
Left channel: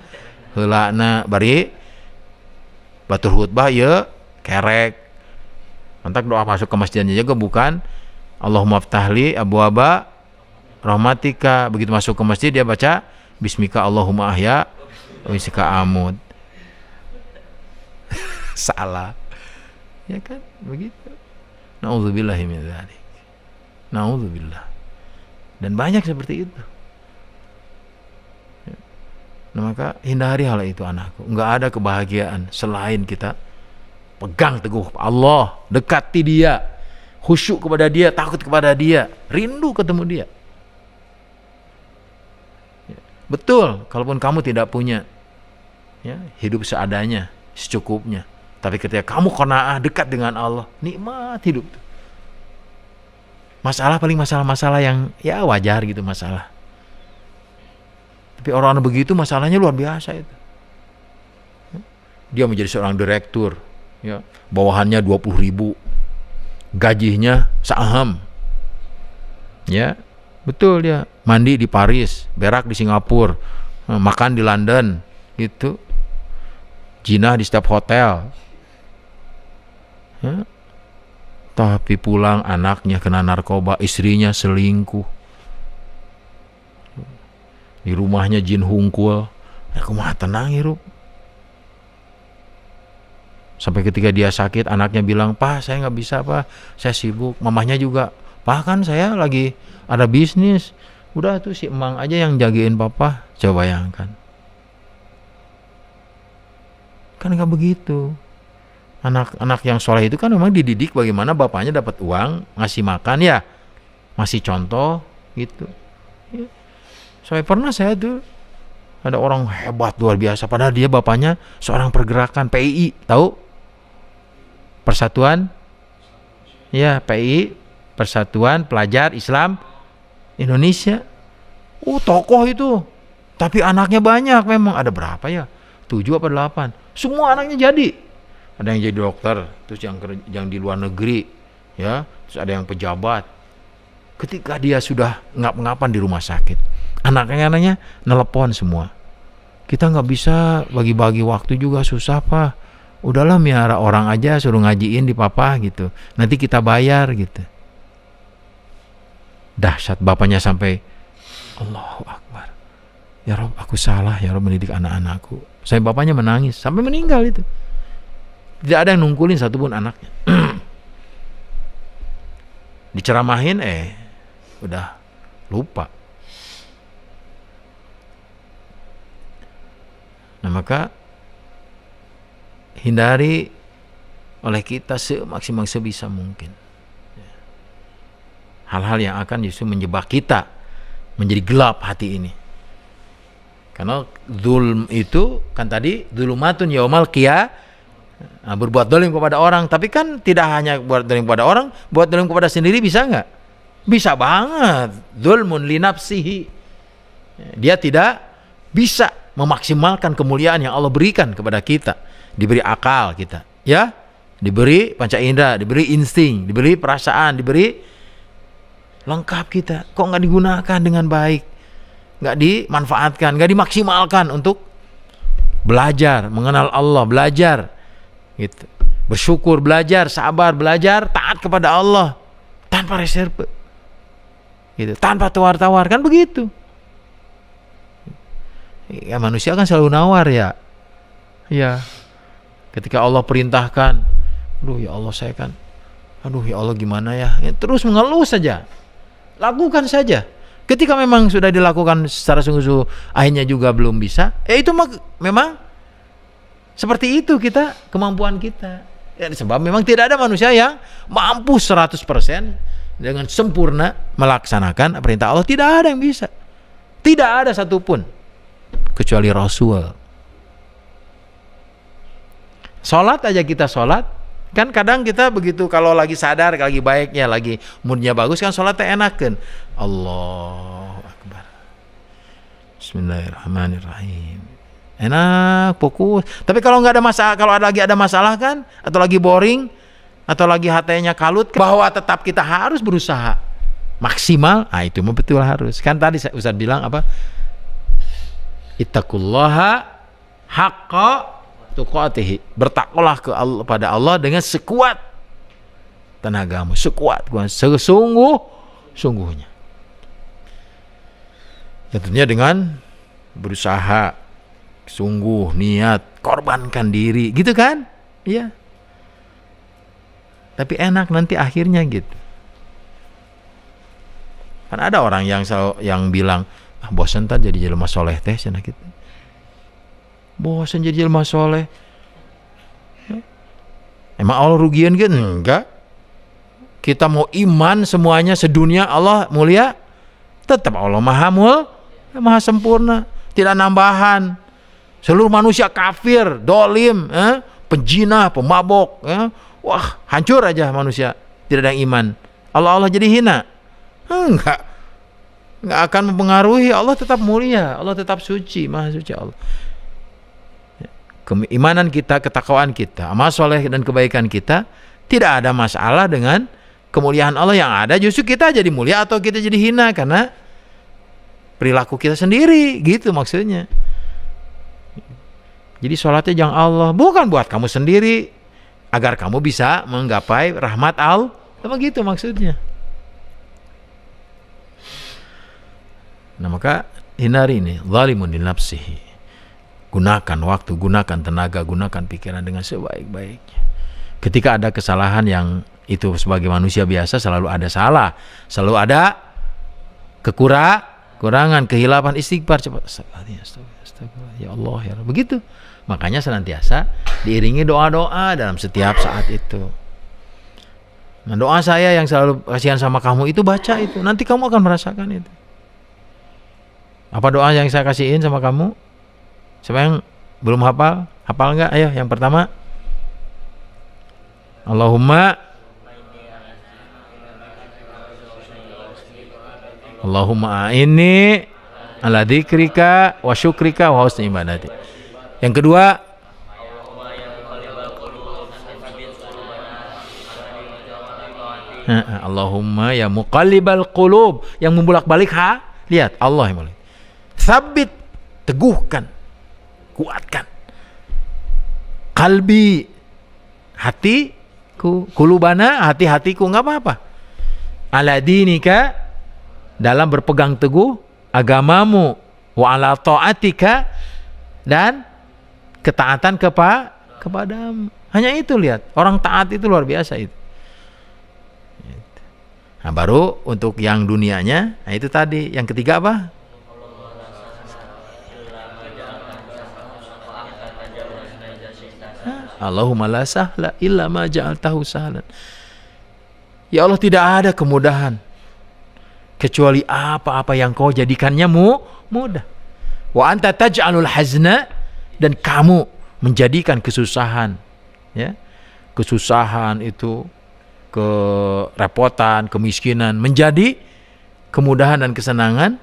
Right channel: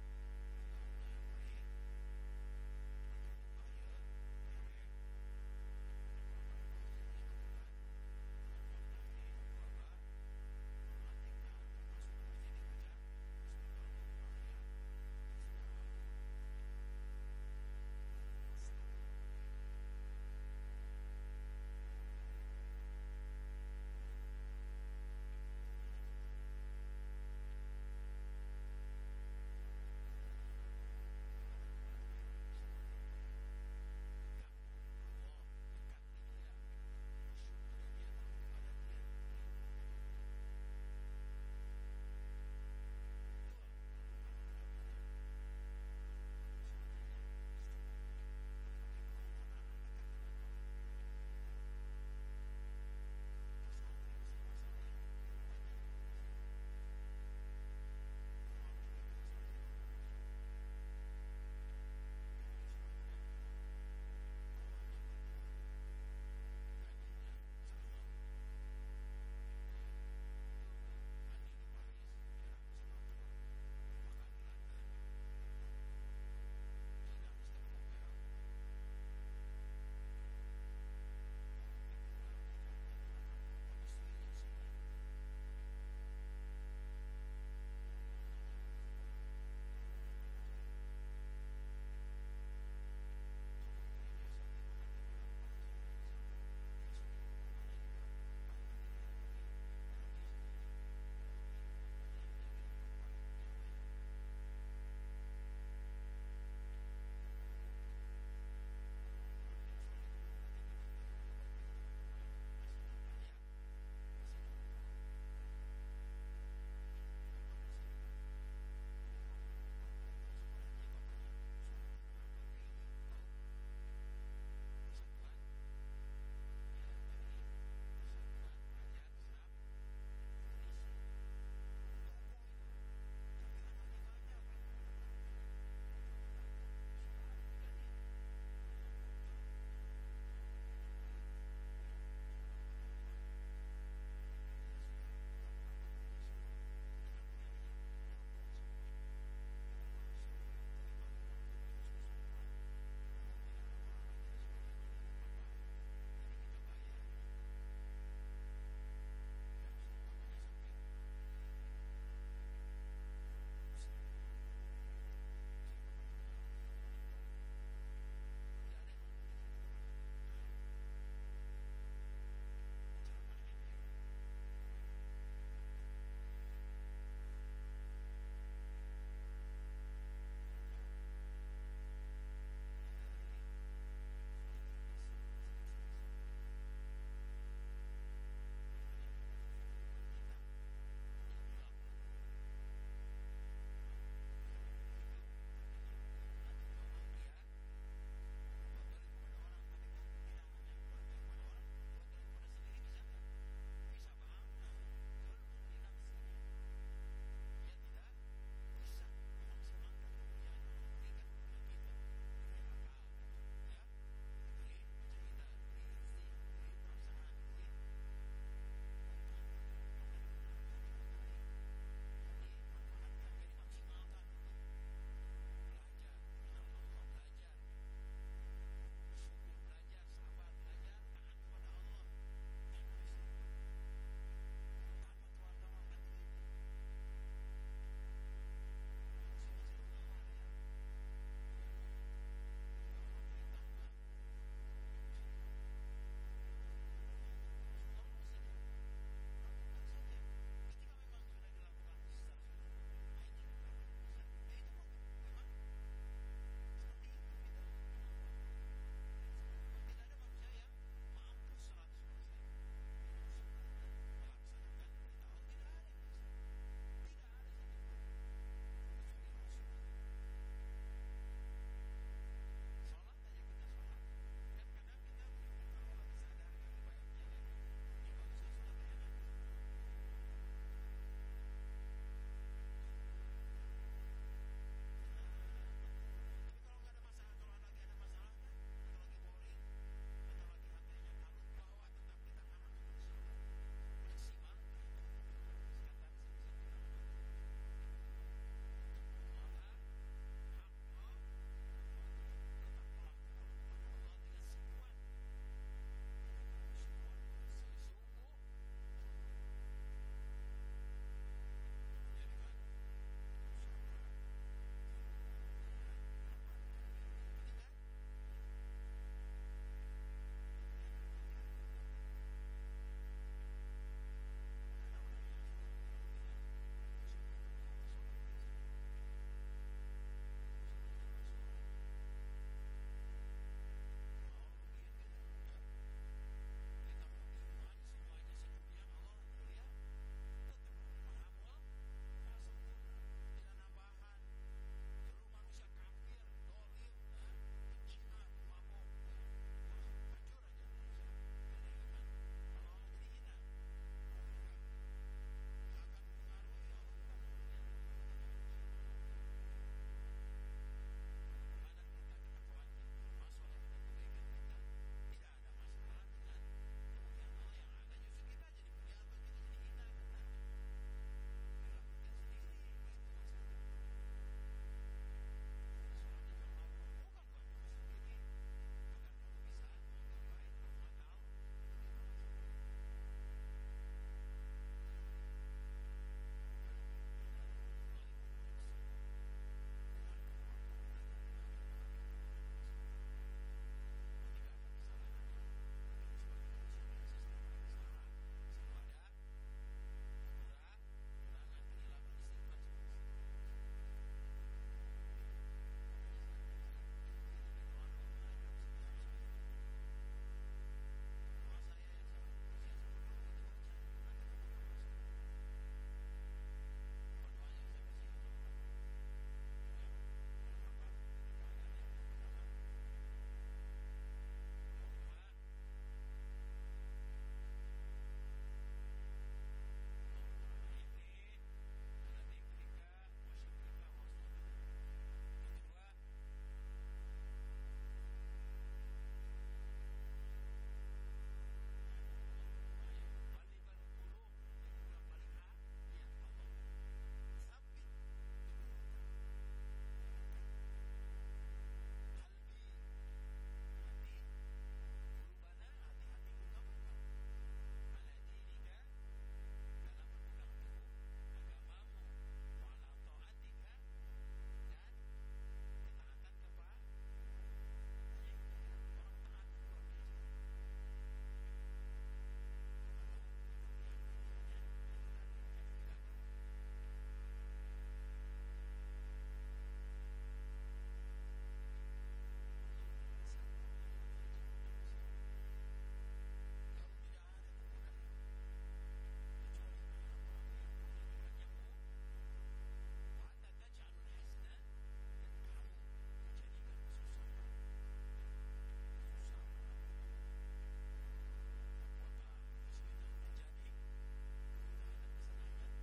heulana bari batur khutbah ye kerek. Mantak doa masuk ke masjidnya juga bukan Allahumma ftahli abwaaba rahmatika. Begitu masuk ke masjid dia baca bismika Allahumma ahya wa bismika amut. Salah. Ya kan? Begitu. Nauzubillahi min dzalik. Nauzubillah. Dan banyak seperti itu. Nah, maka hindari hal itu anakku. Enggak ada kebahagiaan selain kita pegang teguh Allah, dekati dia, khusyuk kepada dia, takut kepada dia, rindu ketemu dia. Betul, kalaupun kamu tidak punya hidup seadanya, secukupnya. Tapi ketika kamu qanaah dekat dengan Allah, nikmat hidup. Masalah paling masalah-masalah yang ya wajar gitu masalah. Tapi orang begitu masalahnya luar biasa itu. Dia menjadi seorang direktur, ya, bawahannya 20.000, gajinya saham. Ya, betul dia. Mandi di Paris, berak di Singapura, makan di London, gitu. Jinah di setiap hotel. Ya. Tapi pulang anaknya kena narkoba, istrinya selingkuh. Di rumahnya jin hungkul. Aku mah tenang hirup. Sampai ketika dia sakit, anaknya bilang, "Pak, saya nggak bisa, Pak. Saya sibuk." Mamahnya juga, "Pak, kan saya lagi ada bisnis." Udah tuh si emang aja yang jagain papa. Coba bayangkan. Kan nggak begitu. Anak-anak yang soleh itu kan memang dididik bagaimana bapaknya dapat uang, ngasih makan ya, masih contoh gitu. Ya. Sampai pernah saya tuh ada orang hebat luar biasa, padahal dia bapaknya seorang pergerakan PII, tahu? Persatuan, ya PII, Persatuan Pelajar Islam Indonesia. Tokoh itu, tapi anaknya banyak memang, ada berapa ya? 7 apa 8? Semua anaknya jadi. Ada yang jadi dokter, terus yang di luar negeri, ya, terus ada yang pejabat. Ketika dia sudah ngap-ngapan di rumah sakit, anaknya nelepon semua. Kita nggak bisa bagi-bagi waktu juga susah Pak. Udahlah miara orang aja suruh ngajiin di papa gitu. Nanti kita bayar gitu. Dahsyat bapaknya sampai Allahu Akbar. Ya Rob, aku salah ya Rob mendidik anak-anakku. Saya bapaknya menangis sampai meninggal itu. Tidak ada yang nungkulin satupun anaknya. Diceramahin udah lupa. Nah, maka hindari oleh kita semaksimal sebisa mungkin hal-hal yang akan justru menjebak kita menjadi gelap hati ini. Karena zulm itu kan tadi zulumatun yaumal qiyamah, berbuat zalim kepada orang. Tapi kan tidak hanya buat zalim kepada orang, buat zalim kepada sendiri bisa nggak? Bisa banget. Zulmun li nafsihi. Dia tidak bisa memaksimalkan kemuliaan yang Allah berikan kepada kita. Diberi akal kita, ya, diberi panca indera, diberi insting, diberi perasaan, diberi lengkap kita. Kok nggak digunakan dengan baik, nggak dimanfaatkan, nggak dimaksimalkan untuk belajar mengenal Allah, belajar gitu, bersyukur, belajar sabar, belajar taat kepada Allah tanpa reserve, gitu, tanpa tawar-tawar, kan begitu. Ya, manusia kan selalu nawar ya. Ketika Allah perintahkan, aduh ya Allah saya kan, aduh ya Allah gimana ya, terus mengeluh saja. Lakukan saja. Ketika memang sudah dilakukan secara sungguh-sungguh akhirnya juga belum bisa, itu memang seperti itu kita, kemampuan kita. Ya, sebab memang tidak ada manusia yang mampu 100% dengan sempurna melaksanakan perintah Allah. Tidak ada yang bisa. Tidak ada satupun kecuali Rasul. Sholat aja kita sholat, kan kadang kita begitu kalau lagi sadar, lagi baiknya, lagi moodnya bagus kan sholatnya enakan. Allahu Akbar, Bismillahirrahmanirrahim, enak, fokus. Tapi kalau nggak ada masalah, kalau lagi ada masalah kan, atau lagi boring, atau lagi hatinya kalut, bahwa tetap kita harus berusaha maksimal. Itu betul harus. Kan tadi Ustaz bilang apa? Ittaqullaha haqqa tuqatihi, bertakwalah pada Allah dengan sekuat tenagamu, sekuat, sesungguhnya. Tentunya dengan berusaha, sungguh, niat, korbankan diri, gitu kan? Iya. Tapi enak nanti akhirnya gitu. Kan ada orang yang bilang, bosan tak jadi jelema soleh teh, sana gitu. Bosan jadi jelema soleh. Emang Allah rugian gitu? Enggak. Kita mau iman semuanya sedunia, Allah mulia, tetap Allah maha sempurna, tidak nambahan. Seluruh manusia kafir, dolim, penjinah, pemabok, wah hancur aja manusia, tidak ada yang iman. Allah jadi hina? Enggak akan mempengaruhi. Allah tetap mulia, Allah tetap suci, maha suci Allah. Keimanan kita, ketakwaan kita, amal soleh dan kebaikan kita, tidak ada masalah dengan kemuliaan Allah. Yang ada justru kita jadi mulia atau kita jadi hina karena perilaku kita sendiri, gitu maksudnya. Jadi sholatnya jangan Allah, bukan buat kamu sendiri, agar kamu bisa menggapai rahmat Allah, begitu maksudnya. Nah, maka hindari ini zalimun li nafsihi. Gunakan waktu, gunakan tenaga, gunakan pikiran dengan sebaik-baiknya. Ketika ada kesalahan yang itu sebagai manusia biasa selalu ada salah, selalu ada kekurangan, kehilapan, istighfar, cepat astagfirullah, ya Allah ya Allah. Begitu. Makanya senantiasa diiringi doa-doa dalam setiap saat itu. Nah, doa saya yang selalu kasihan sama kamu itu baca itu, nanti kamu akan merasakan itu. Apa doa yang saya kasihin sama kamu? Siapa yang belum hafal? Hafal enggak? Ayo, yang pertama. Allahumma a'inni ala dzikrika wa syukrika wa husni ibadati. Yang kedua, Allahumma ya muqallibal qulub, yang membolak-balik lihat Allah yang boleh. Sabit, teguhkan, kuatkan kalbi, hatiku, kulubana, hati-hatiku, nggak apa-apa, ala dinika, dalam berpegang teguh agamamu, wa ala ta'atika, dan ketaatan kepadamu. Hanya itu, lihat, orang taat itu luar biasa itu. Nah, baru untuk yang dunianya, nah itu tadi. Yang ketiga apa? Allahumma la sahla illa ma ja'altahu sahlan. Ya Allah, tidak ada kemudahan kecuali apa-apa yang kau jadikannya mudah. Wa anta taj'alul hazna, dan kamu menjadikan kesusahan, ya. Kesusahan itu, kerepotan, kemiskinan menjadi kemudahan dan kesenangan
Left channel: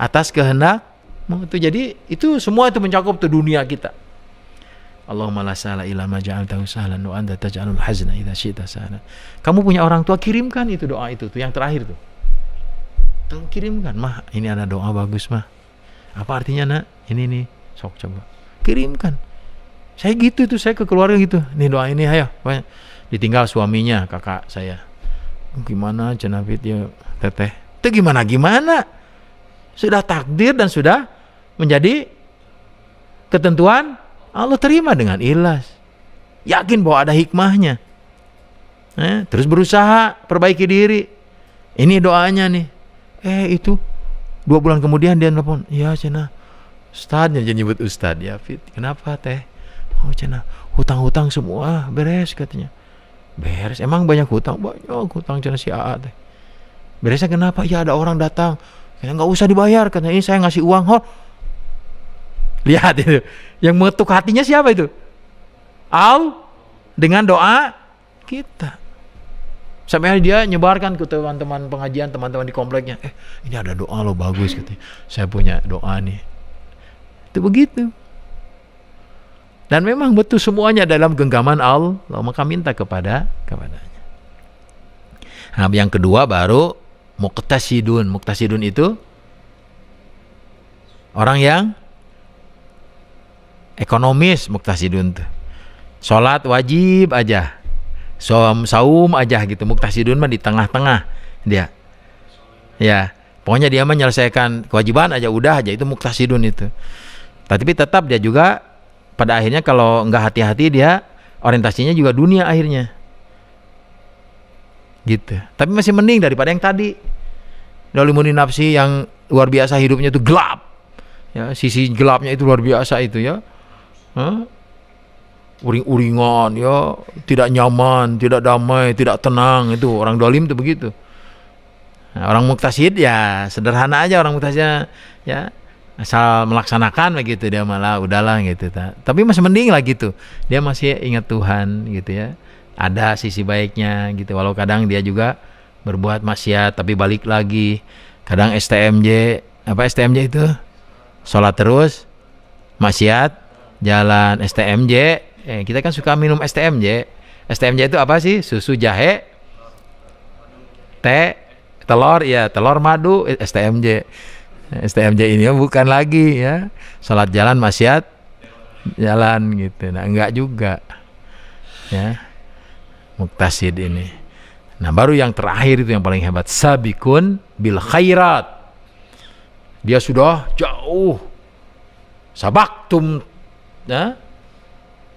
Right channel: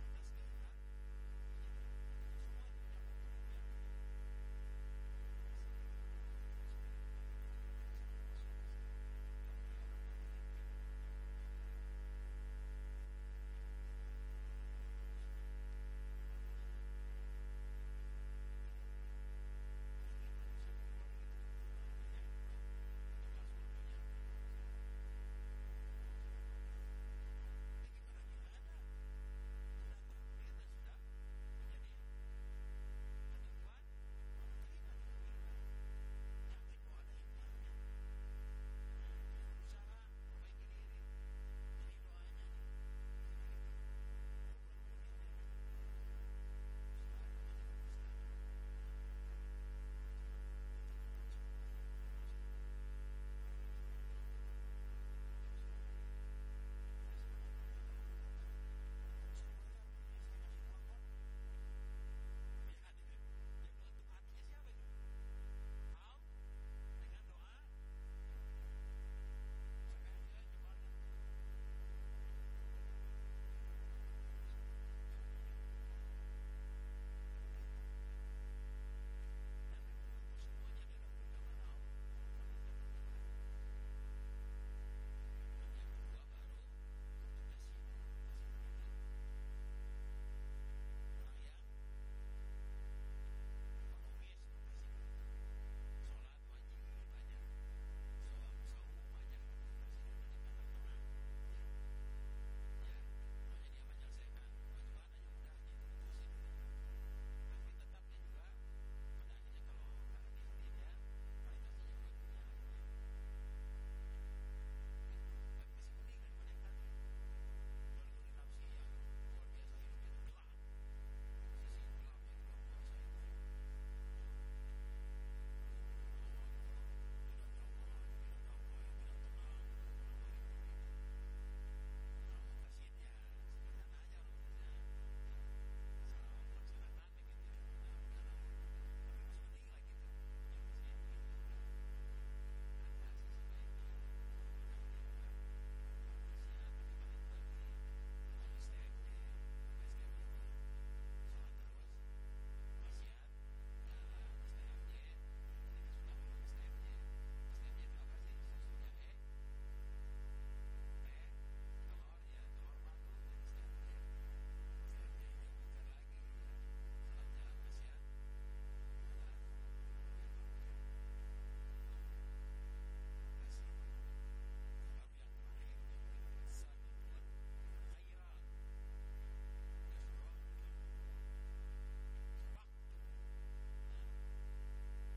atas kehendakmu. Itu jadi itu semua itu mencakup tuh dunia kita. Allahumma la sahla illa ma ja'altahu sahlan wa anta taj'alul hazna idza syi'ta sahlan. Kamu punya orang tua, kirimkan itu doa itu tuh yang terakhir tuh. Tuh kirimkan, mah ini ada doa bagus mah. Apa artinya nak? Ini nih, sok coba. Kirimkan. Saya gitu tuh, saya ke keluarga gitu. Nih doa ini ayo. Ditinggal suaminya, kakak saya. Gimana cenafit ya teteh? Itu gimana? Sudah takdir dan sudah menjadi ketentuan Allah, terima dengan ikhlas. Yakin bahwa ada hikmahnya. Terus berusaha perbaiki diri. Ini doanya nih. Itu 2 bulan kemudian dia nelfon. Ya cina, Ustadznya jadi nyebut Ustadz. Ya Fit, kenapa teh? Oh cina, hutang-hutang semua beres katanya. Beres, emang banyak hutang? Banyak hutang cina si AA teh. Beresnya kenapa? Ya ada orang datang. Kayaknya nggak usah dibayar katanya. Ini saya ngasih uang. Lihat itu. Yang mengetuk hatinya siapa itu? Dengan doa kita. Sampai dia nyebarkan ke teman-teman pengajian, teman-teman di kompleknya. Ini ada doa lo bagus katanya. Saya punya doa nih. Itu begitu. Dan memang betul semuanya dalam genggaman Allah, maka minta kepadanya. Nah, yang kedua baru muqtasidun. Muqtasidun itu orang yang ekonomis, muqtasidun tuh. Salat wajib aja. Saum aja gitu. Muqtasidun mah di tengah-tengah dia. Ya, pokoknya dia menyelesaikan kewajiban aja udah aja, itu muqtasidun itu. Tapi tetap dia juga pada akhirnya kalau enggak hati-hati dia orientasinya juga dunia akhirnya. Gitu. Tapi masih mending daripada yang tadi. Dolimun nafsi yang luar biasa hidupnya itu gelap. Ya, sisi gelapnya itu luar biasa itu ya. Uring-uringan ya, tidak nyaman, tidak damai, tidak tenang, itu orang dolim itu begitu. Nah, orang muqtasid ya sederhana aja, orang muqtasid ya asal melaksanakan begitu, dia malah udahlah gitu. Tapi masih mending lah gitu, dia masih ingat Tuhan gitu ya, ada sisi baiknya gitu. Walau kadang dia juga berbuat maksiat tapi balik lagi. Kadang STMJ, apa STMJ itu? Sholat terus, maksiat jalan. STMJ, kita kan suka minum STMJ. STMJ itu apa sih? Susu, jahe, teh, telur, ya telur madu, STMJ. STMJ ini bukan lagi ya. Salat jalan, maksiat jalan gitu. Nah, enggak juga. Ya. Muqtasid ini. Nah, baru yang terakhir itu yang paling hebat, sabikun bil khairat. Dia sudah jauh. Sabaktum ya.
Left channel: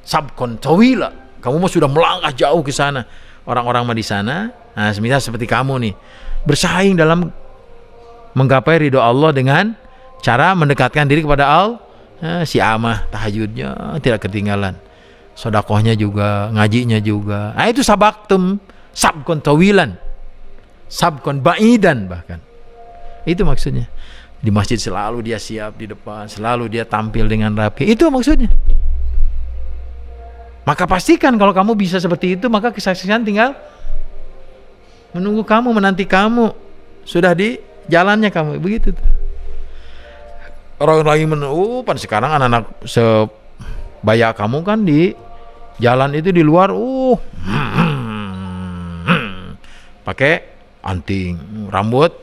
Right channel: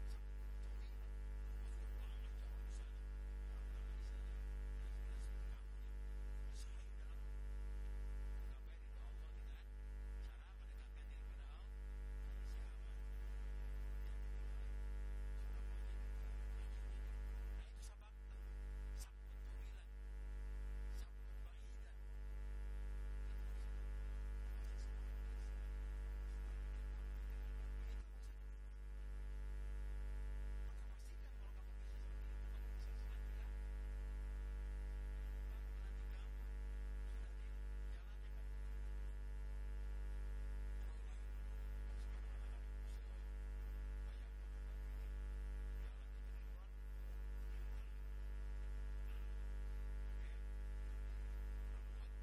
Sabkon tawila, kamu mah sudah melangkah jauh ke sana. Orang-orang mah di sana, nah semisal seperti kamu nih, bersaing dalam menggapai ridho Allah dengan cara mendekatkan diri kepada Allah. Si Amah tahajudnya tidak ketinggalan, sedekahnya juga, ngajinya juga. Nah itu sabaktum, sabkon tawilan, sabkon baidan bahkan. Itu maksudnya. Di masjid selalu dia siap di depan, selalu dia tampil dengan rapi. Itu maksudnya. Maka pastikan kalau kamu bisa seperti itu, maka kesaksian tinggal menunggu kamu, menanti kamu. Sudah di jalannya kamu, begitu. Orang lagi pan sekarang anak-anak sebaya kamu kan di jalan itu di luar, pakai anting, rambut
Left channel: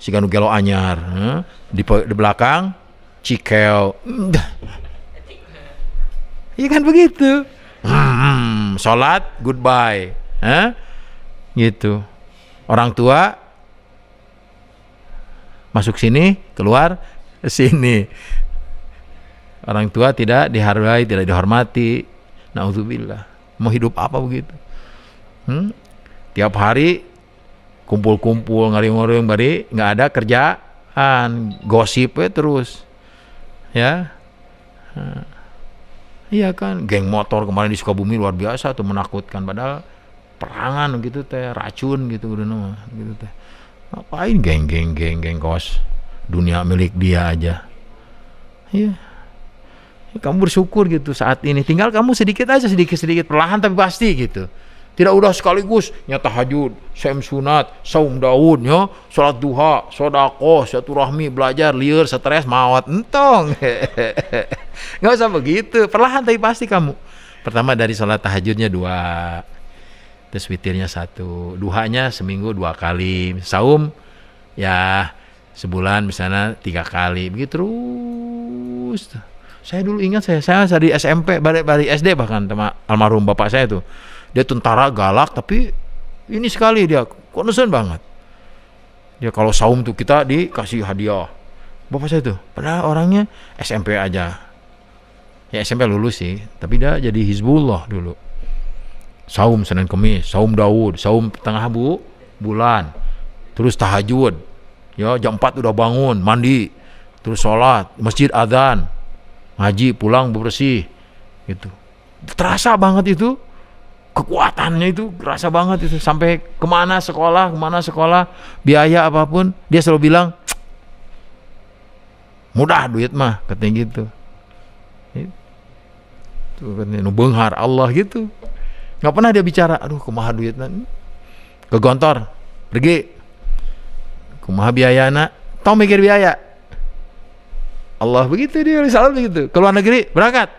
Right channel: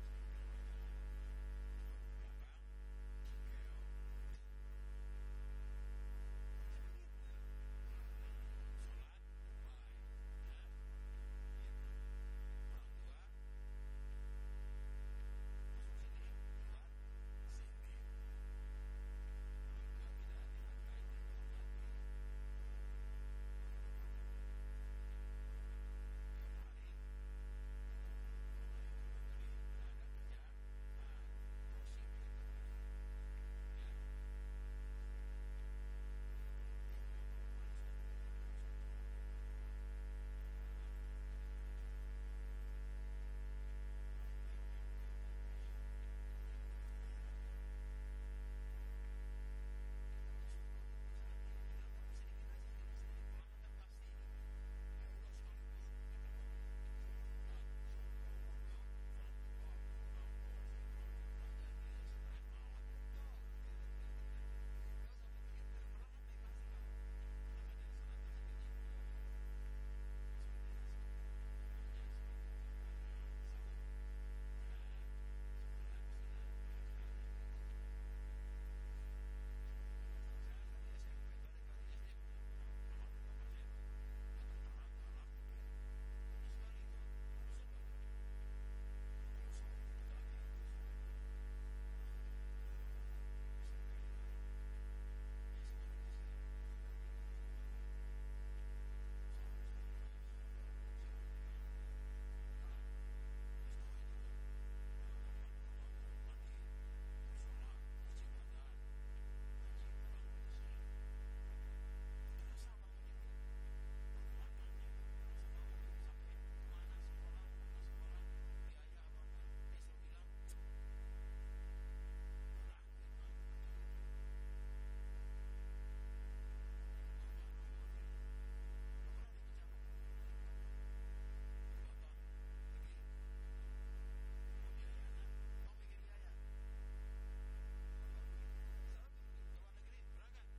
siga nu gelo anyar, di belakang cikel. Iya kan begitu. Sholat goodbye, gitu. Orang tua masuk sini, keluar sini. Orang tua tidak dihargai, tidak dihormati. Nauzubillah. Mau hidup apa begitu? Tiap hari kumpul-kumpul ngaring-ngaring bari nggak ada kerjaan, gosip terus ya. Iya kan, geng motor kemarin di Sukabumi luar biasa tuh, menakutkan, padahal perangan gitu teh, racun gitu udah nama gitu teh. Ngapain geng kos, dunia milik dia aja. Iya. Kamu bersyukur gitu saat ini, tinggal kamu sedikit perlahan tapi pasti gitu. Tidak udah sekaligus nyata tahajud, sem sunat, saum daun, ya, sholat duha, sodako, silaturahmi, belajar, liur, stres, mawat, entong. Nggak usah begitu, perlahan tapi pasti kamu. Pertama dari sholat tahajudnya 2, terus witirnya 1, duhanya seminggu 2 kali, saum ya sebulan misalnya 3 kali, begitu terus. Saya dulu ingat saya di SMP, balik SD bahkan sama almarhum bapak saya tuh. Dia tentara galak tapi ini sekali dia concern banget. Dia kalau saum tuh kita dikasih hadiah. Bapak saya tuh padahal orangnya SMP aja. Ya SMP lulus sih, tapi dia jadi Hizbullah dulu. Saum Senin Kemis, saum Daud, saum tengah bulan. Terus tahajud. Ya jam 4 udah bangun, mandi. Terus sholat, masjid adzan. Ngaji, pulang bersih. Gitu. Terasa banget itu. Kekuatannya itu terasa banget itu, sampai kemana sekolah, biaya apapun dia selalu bilang mudah duit mah, katanya gitu. Itu katanya benghar Allah gitu, nggak pernah dia bicara aduh kumaha duit ke gontor pergi kumaha biaya nak, tau mikir biaya Allah begitu, dia selalu begitu. Ke luar negeri berangkat.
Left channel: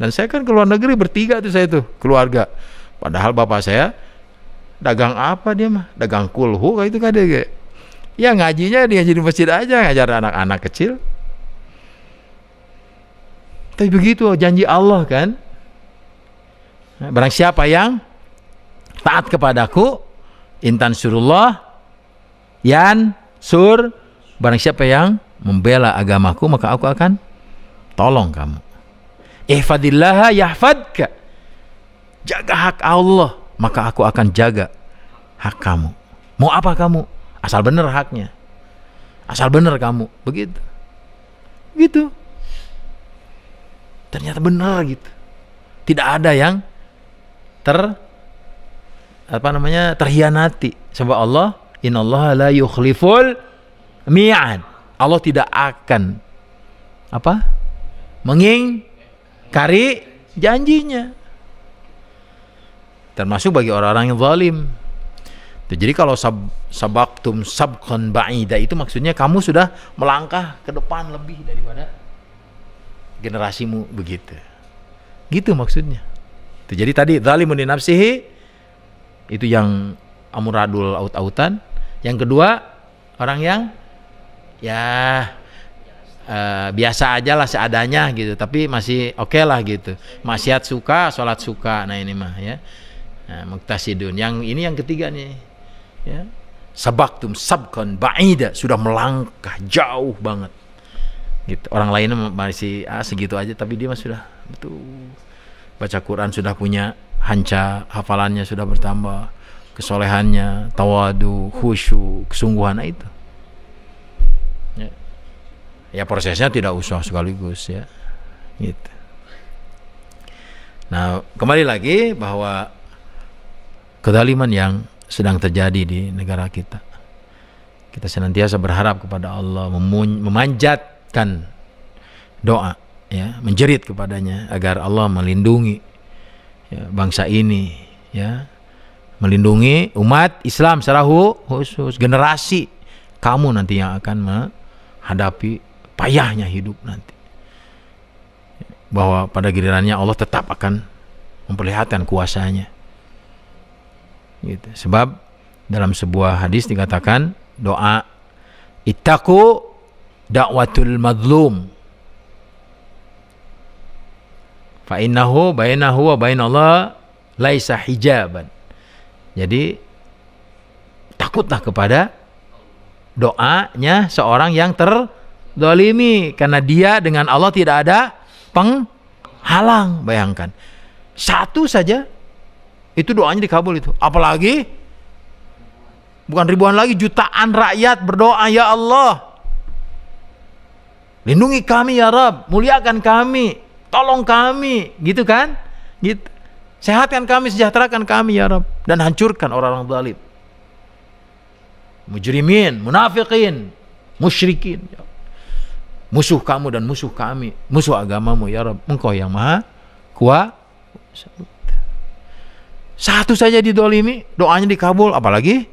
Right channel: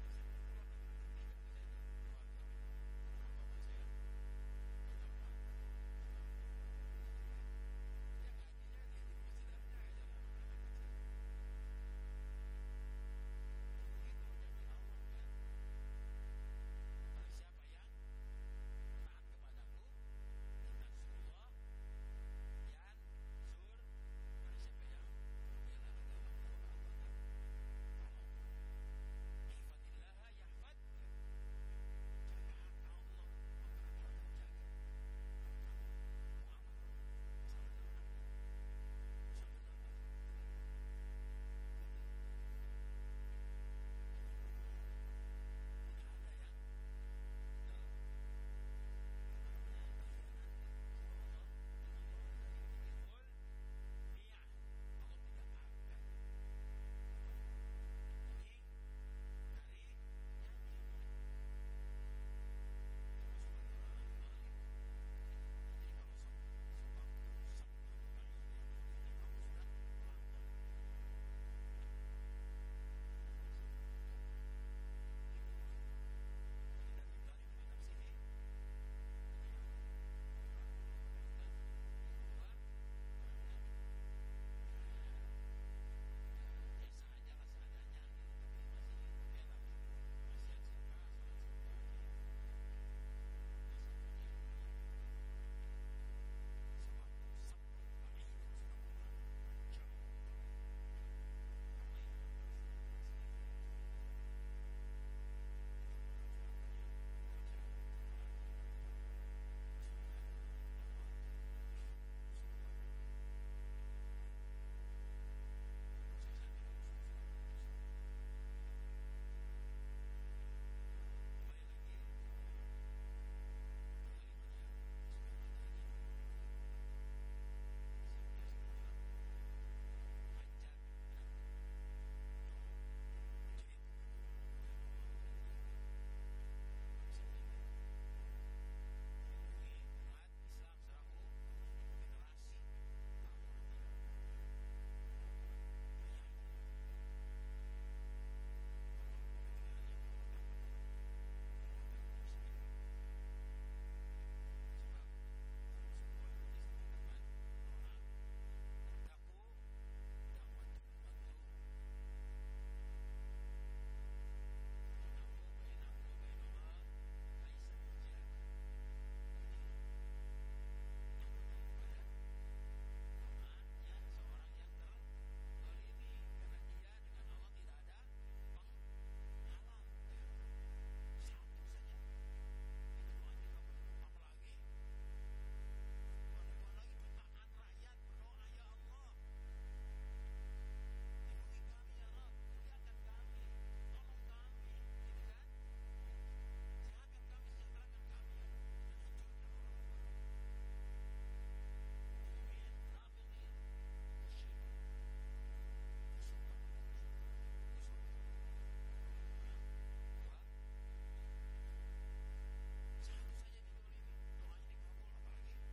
Dan saya kan ke luar negeri bertiga tuh, saya tuh keluarga. Padahal bapak saya dagang apa dia mah? Dagang kulhu kayak itu kan dia. Ya ngajinya dia jadi masjid aja, ngajar anak-anak kecil. Tapi begitu janji Allah kan. Barang siapa yang taat kepadaku, intan surullah yan sur, barang siapa yang membela agamaku maka aku akan tolong kamu. Ihfadillaha yahfadka. Jaga hak Allah, maka aku akan jaga hak kamu. Mau apa kamu? Asal benar haknya. Asal benar kamu. Begitu. Gitu. Ternyata benar gitu. Tidak ada yang terhianati. Sebab Allah, innallaha la yukhliful mi'ad. Allah tidak akan mengingkari janjinya, termasuk bagi orang-orang yang zalim. Jadi kalau sabaqtum sabqan ba'ida itu maksudnya kamu sudah melangkah ke depan lebih daripada generasimu, begitu. Gitu maksudnya. Jadi tadi zalimun li nafsihi itu yang amuradul aut-autan. Yang kedua orang yang biasa aja lah seadanya gitu, tapi masih oke lah gitu. Maksiat suka, sholat suka. Nah ini mah ya. Nah, muqtasidun. Yang ini yang ketiga nih. Ya. Sabaqtum sabqan ba'ida, sudah melangkah jauh banget. Gitu. Orang lainnya masih segitu aja, tapi dia mah sudah betul. Baca Quran sudah punya hanca, hafalannya sudah bertambah, kesolehannya, tawadu, khusyuk, kesungguhan itu. Ya prosesnya tidak usah sekaligus ya gitu. Nah kembali lagi bahwa kezaliman yang sedang terjadi di negara kita senantiasa berharap kepada Allah, memanjatkan doa ya, menjerit kepadanya agar Allah melindungi ya, bangsa ini ya, melindungi umat Islam secara khusus, generasi kamu nanti yang akan menghadapi payahnya hidup nanti, bahwa pada gilirannya Allah tetap akan memperlihatkan kuasanya gitu. Sebab dalam sebuah hadis dikatakan doa ittaqu da'watul mazlum fa innahu bainahu wa bainallah laisa hijaban. Jadi takutlah kepada doanya seorang yang terzalimi, karena dia dengan Allah tidak ada penghalang. Bayangkan satu saja itu doanya dikabul itu, apalagi Bukan ribuan lagi, jutaan rakyat berdoa, ya Allah, lindungi kami ya Rabb, muliakan kami, tolong kami, gitu kan? Gitu. Sehatkan kami, sejahterakan kami ya Rabb, dan hancurkan orang-orang zalim, mujrimin, munafikin, musyrikin. Musuh kamu dan musuh kami, musuh agamamu ya Rabb, Engkau yang maha kuasa. Satu saja didolimi, doanya dikabul, apalagi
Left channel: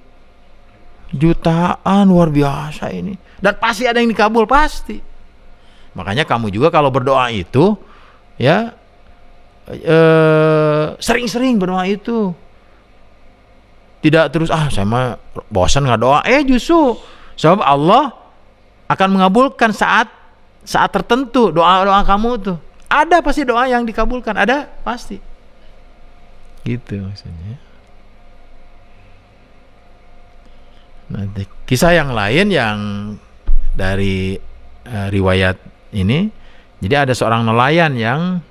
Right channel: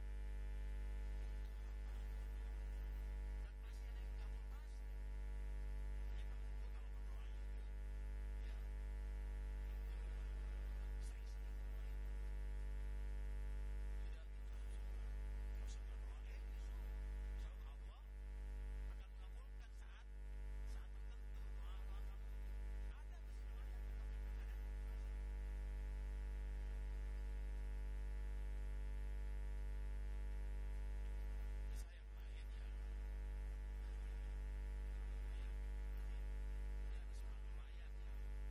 jutaan, luar biasa ini. Dan pasti ada yang dikabul, pasti. Makanya kamu juga kalau berdoa itu, ya, sering-sering berdoa itu. Tidak terus, saya mah bosan nggak doa. Justru sebab Allah akan mengabulkan saat tertentu doa-doa kamu tuh. Ada pasti doa yang dikabulkan, ada pasti. Gitu maksudnya. Nanti kisah yang lain yang dari riwayat ini, jadi ada seorang nelayan yang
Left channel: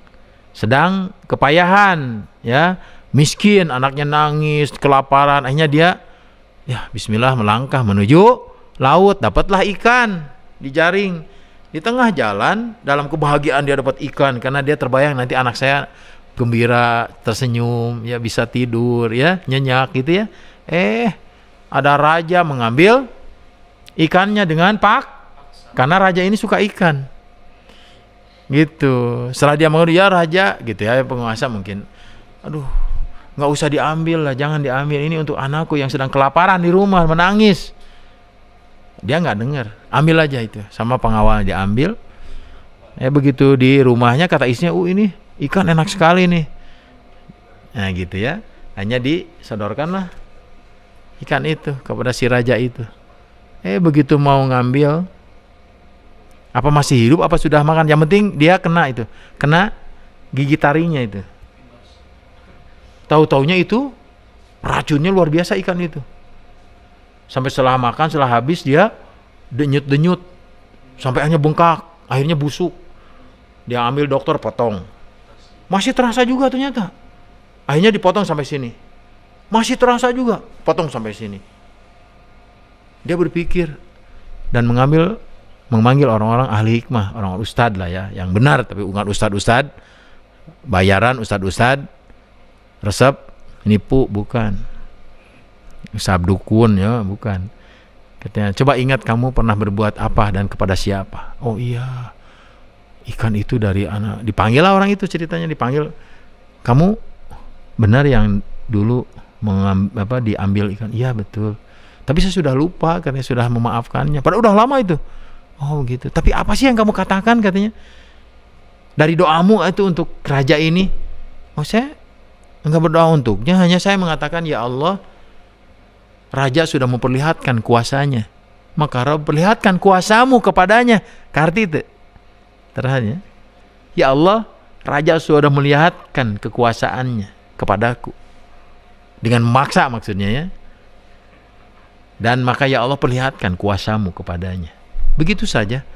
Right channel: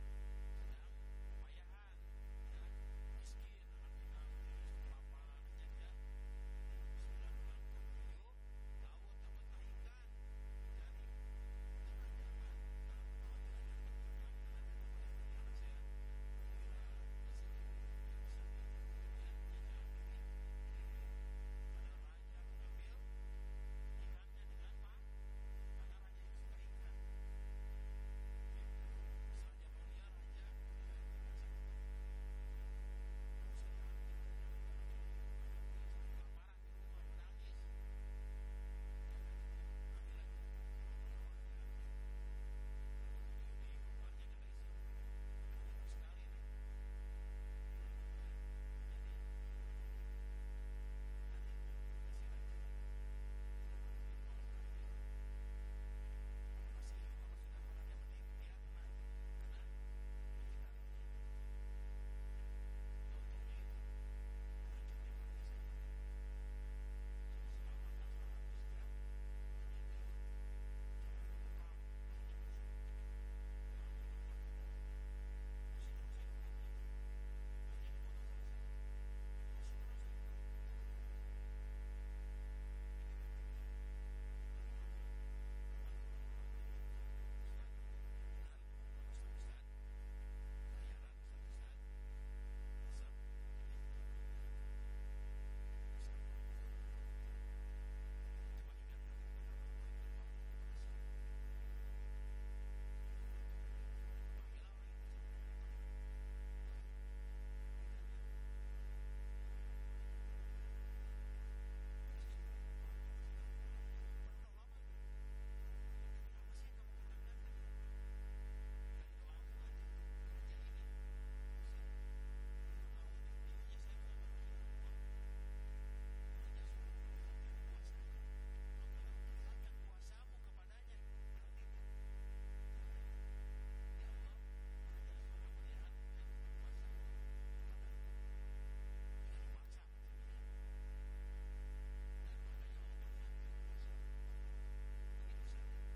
sedang kepayahan, ya, miskin, anaknya nangis, kelaparan, akhirnya dia, ya bismillah, melangkah menuju laut, dapatlah ikan dijaring. Di tengah jalan, dalam kebahagiaan dia dapat ikan, karena dia terbayang nanti anak saya gembira, tersenyum, ya bisa tidur, ya nyenyak gitu ya. Ada raja mengambil ikannya dengan karena raja ini suka ikan. Gitu. Setelah dia mengambil, ya raja, gitu ya, penguasa mungkin, aduh, nggak usah diambil lah, jangan diambil, ini untuk anakku yang sedang kelaparan di rumah, menangis. Dia nggak dengar, ambil aja itu, sama pengawal diambil. Begitu di rumahnya kata istrinya, ini ikan enak sekali nih. Nah gitu ya, hanya disodorkanlah ikan itu kepada si raja itu. Begitu mau ngambil, apa masih hidup, apa sudah makan, yang penting dia kena gigi taringnya itu. Tahu-taunya itu racunnya luar biasa ikan itu. Sampai setelah makan, setelah habis dia denyut-denyut, sampai hanya bengkak, akhirnya busuk. Dia ambil dokter, potong, masih terasa juga ternyata. Akhirnya dipotong sampai sini, masih terasa juga, potong sampai sini. Dia berpikir dan memanggil orang-orang ahli hikmah, orang ustad lah ya, yang benar, tapi bukan ustad-ustad bayaran, ustad-ustad resep nipu, bukan. Sabdukun, ya, bukan. Katanya, coba ingat kamu pernah berbuat apa dan kepada siapa? Oh iya, ikan itu dari anak. Dipanggil lah orang itu, ceritanya dipanggil. Kamu benar yang dulu diambil ikan? Iya betul. Tapi saya sudah lupa, katanya, sudah memaafkannya. Padahal udah lama itu. Oh gitu. Tapi apa sih yang kamu katakan, katanya? Dari doamu itu untuk raja ini. Saya enggak berdoa untuknya, hanya saya mengatakan, ya Allah, raja sudah memperlihatkan kuasanya, maka Rabb perlihatkan kuasamu kepadanya. Karti itu terhadapnya, ya Allah, raja sudah melihatkan kekuasaannya kepadaku dengan memaksa, maksudnya ya. Dan maka ya Allah, perlihatkan kuasamu kepadanya. Begitu saja.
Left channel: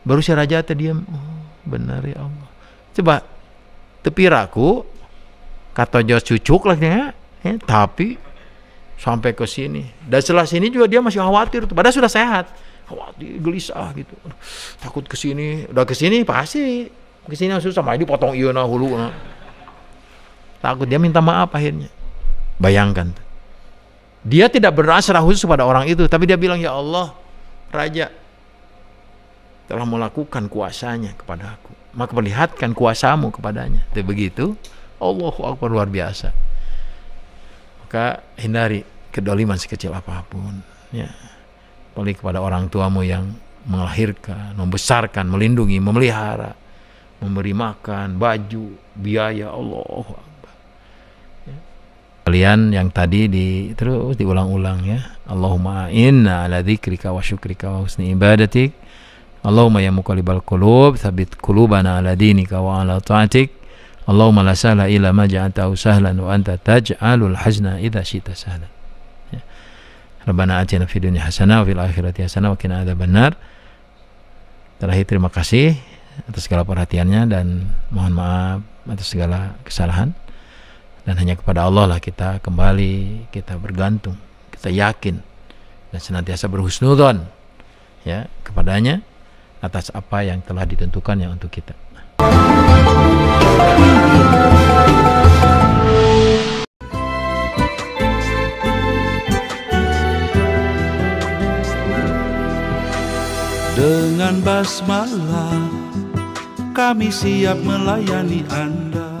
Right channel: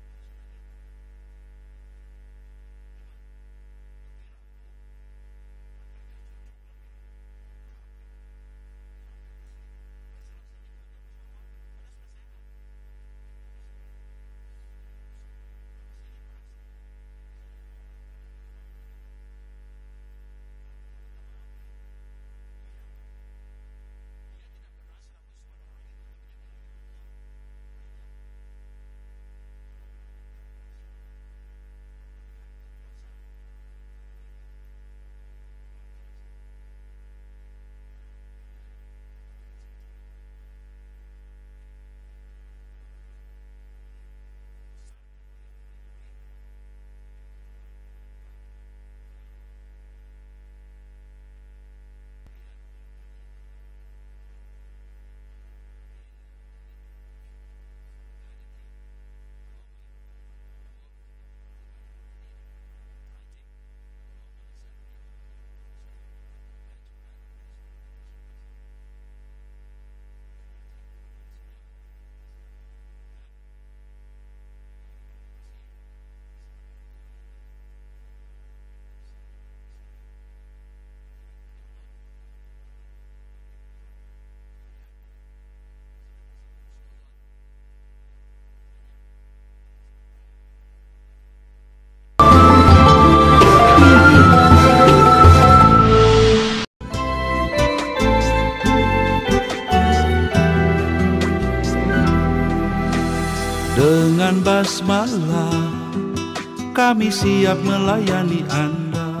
Baru si raja terdiam. Oh benar ya Allah. Coba tepiraku kata jos cucuk lah ya, tapi sampai ke sini. Dan setelah sini juga dia masih khawatir. Padahal sudah sehat, khawatir, gelisah gitu. Takut ke sini. Udah ke sini pasti ke sini susah. Sama ini potong iya hulu. Takut, dia minta maaf akhirnya. Bayangkan. Dia tidak berdoa secara khusus kepada orang itu, tapi dia bilang, ya Allah, raja telah melakukan kuasanya kepada aku, maka perlihatkan kuasamu kepadanya. Begitu. Allahu Akbar, luar biasa. Maka hindari kedoliman sekecil apapun, ya. Apalagi kepada orang tuamu yang melahirkan, membesarkan, melindungi, memelihara, memberi makan, baju, biaya. Allahu Akbar. Ya. Kalian yang tadi terus diulang-ulang ya. Allahumma inna ala dzikrika wa syukrika wa husni ibadatik. Allahumma ya muqallibal qulub, tsabbit qulubana ala dinika wa ala ta'atik. Allahumma la sahla illa ma ja'altahu sahlan wa anta taj'alul hazna idza syi'ta sahlan. Ya. Rabbana atina fid dunya hasanah wa fil akhirati hasanah wa qina adzabannar. Terakhir, terima kasih atas segala perhatiannya dan mohon maaf atas segala kesalahan. Dan hanya kepada Allah lah kita kembali, kita bergantung, kita yakin dan senantiasa berhusnudzon ya kepadanya atas apa yang telah ditentukannya untuk kita. Dengan basmalah kami siap melayani Anda.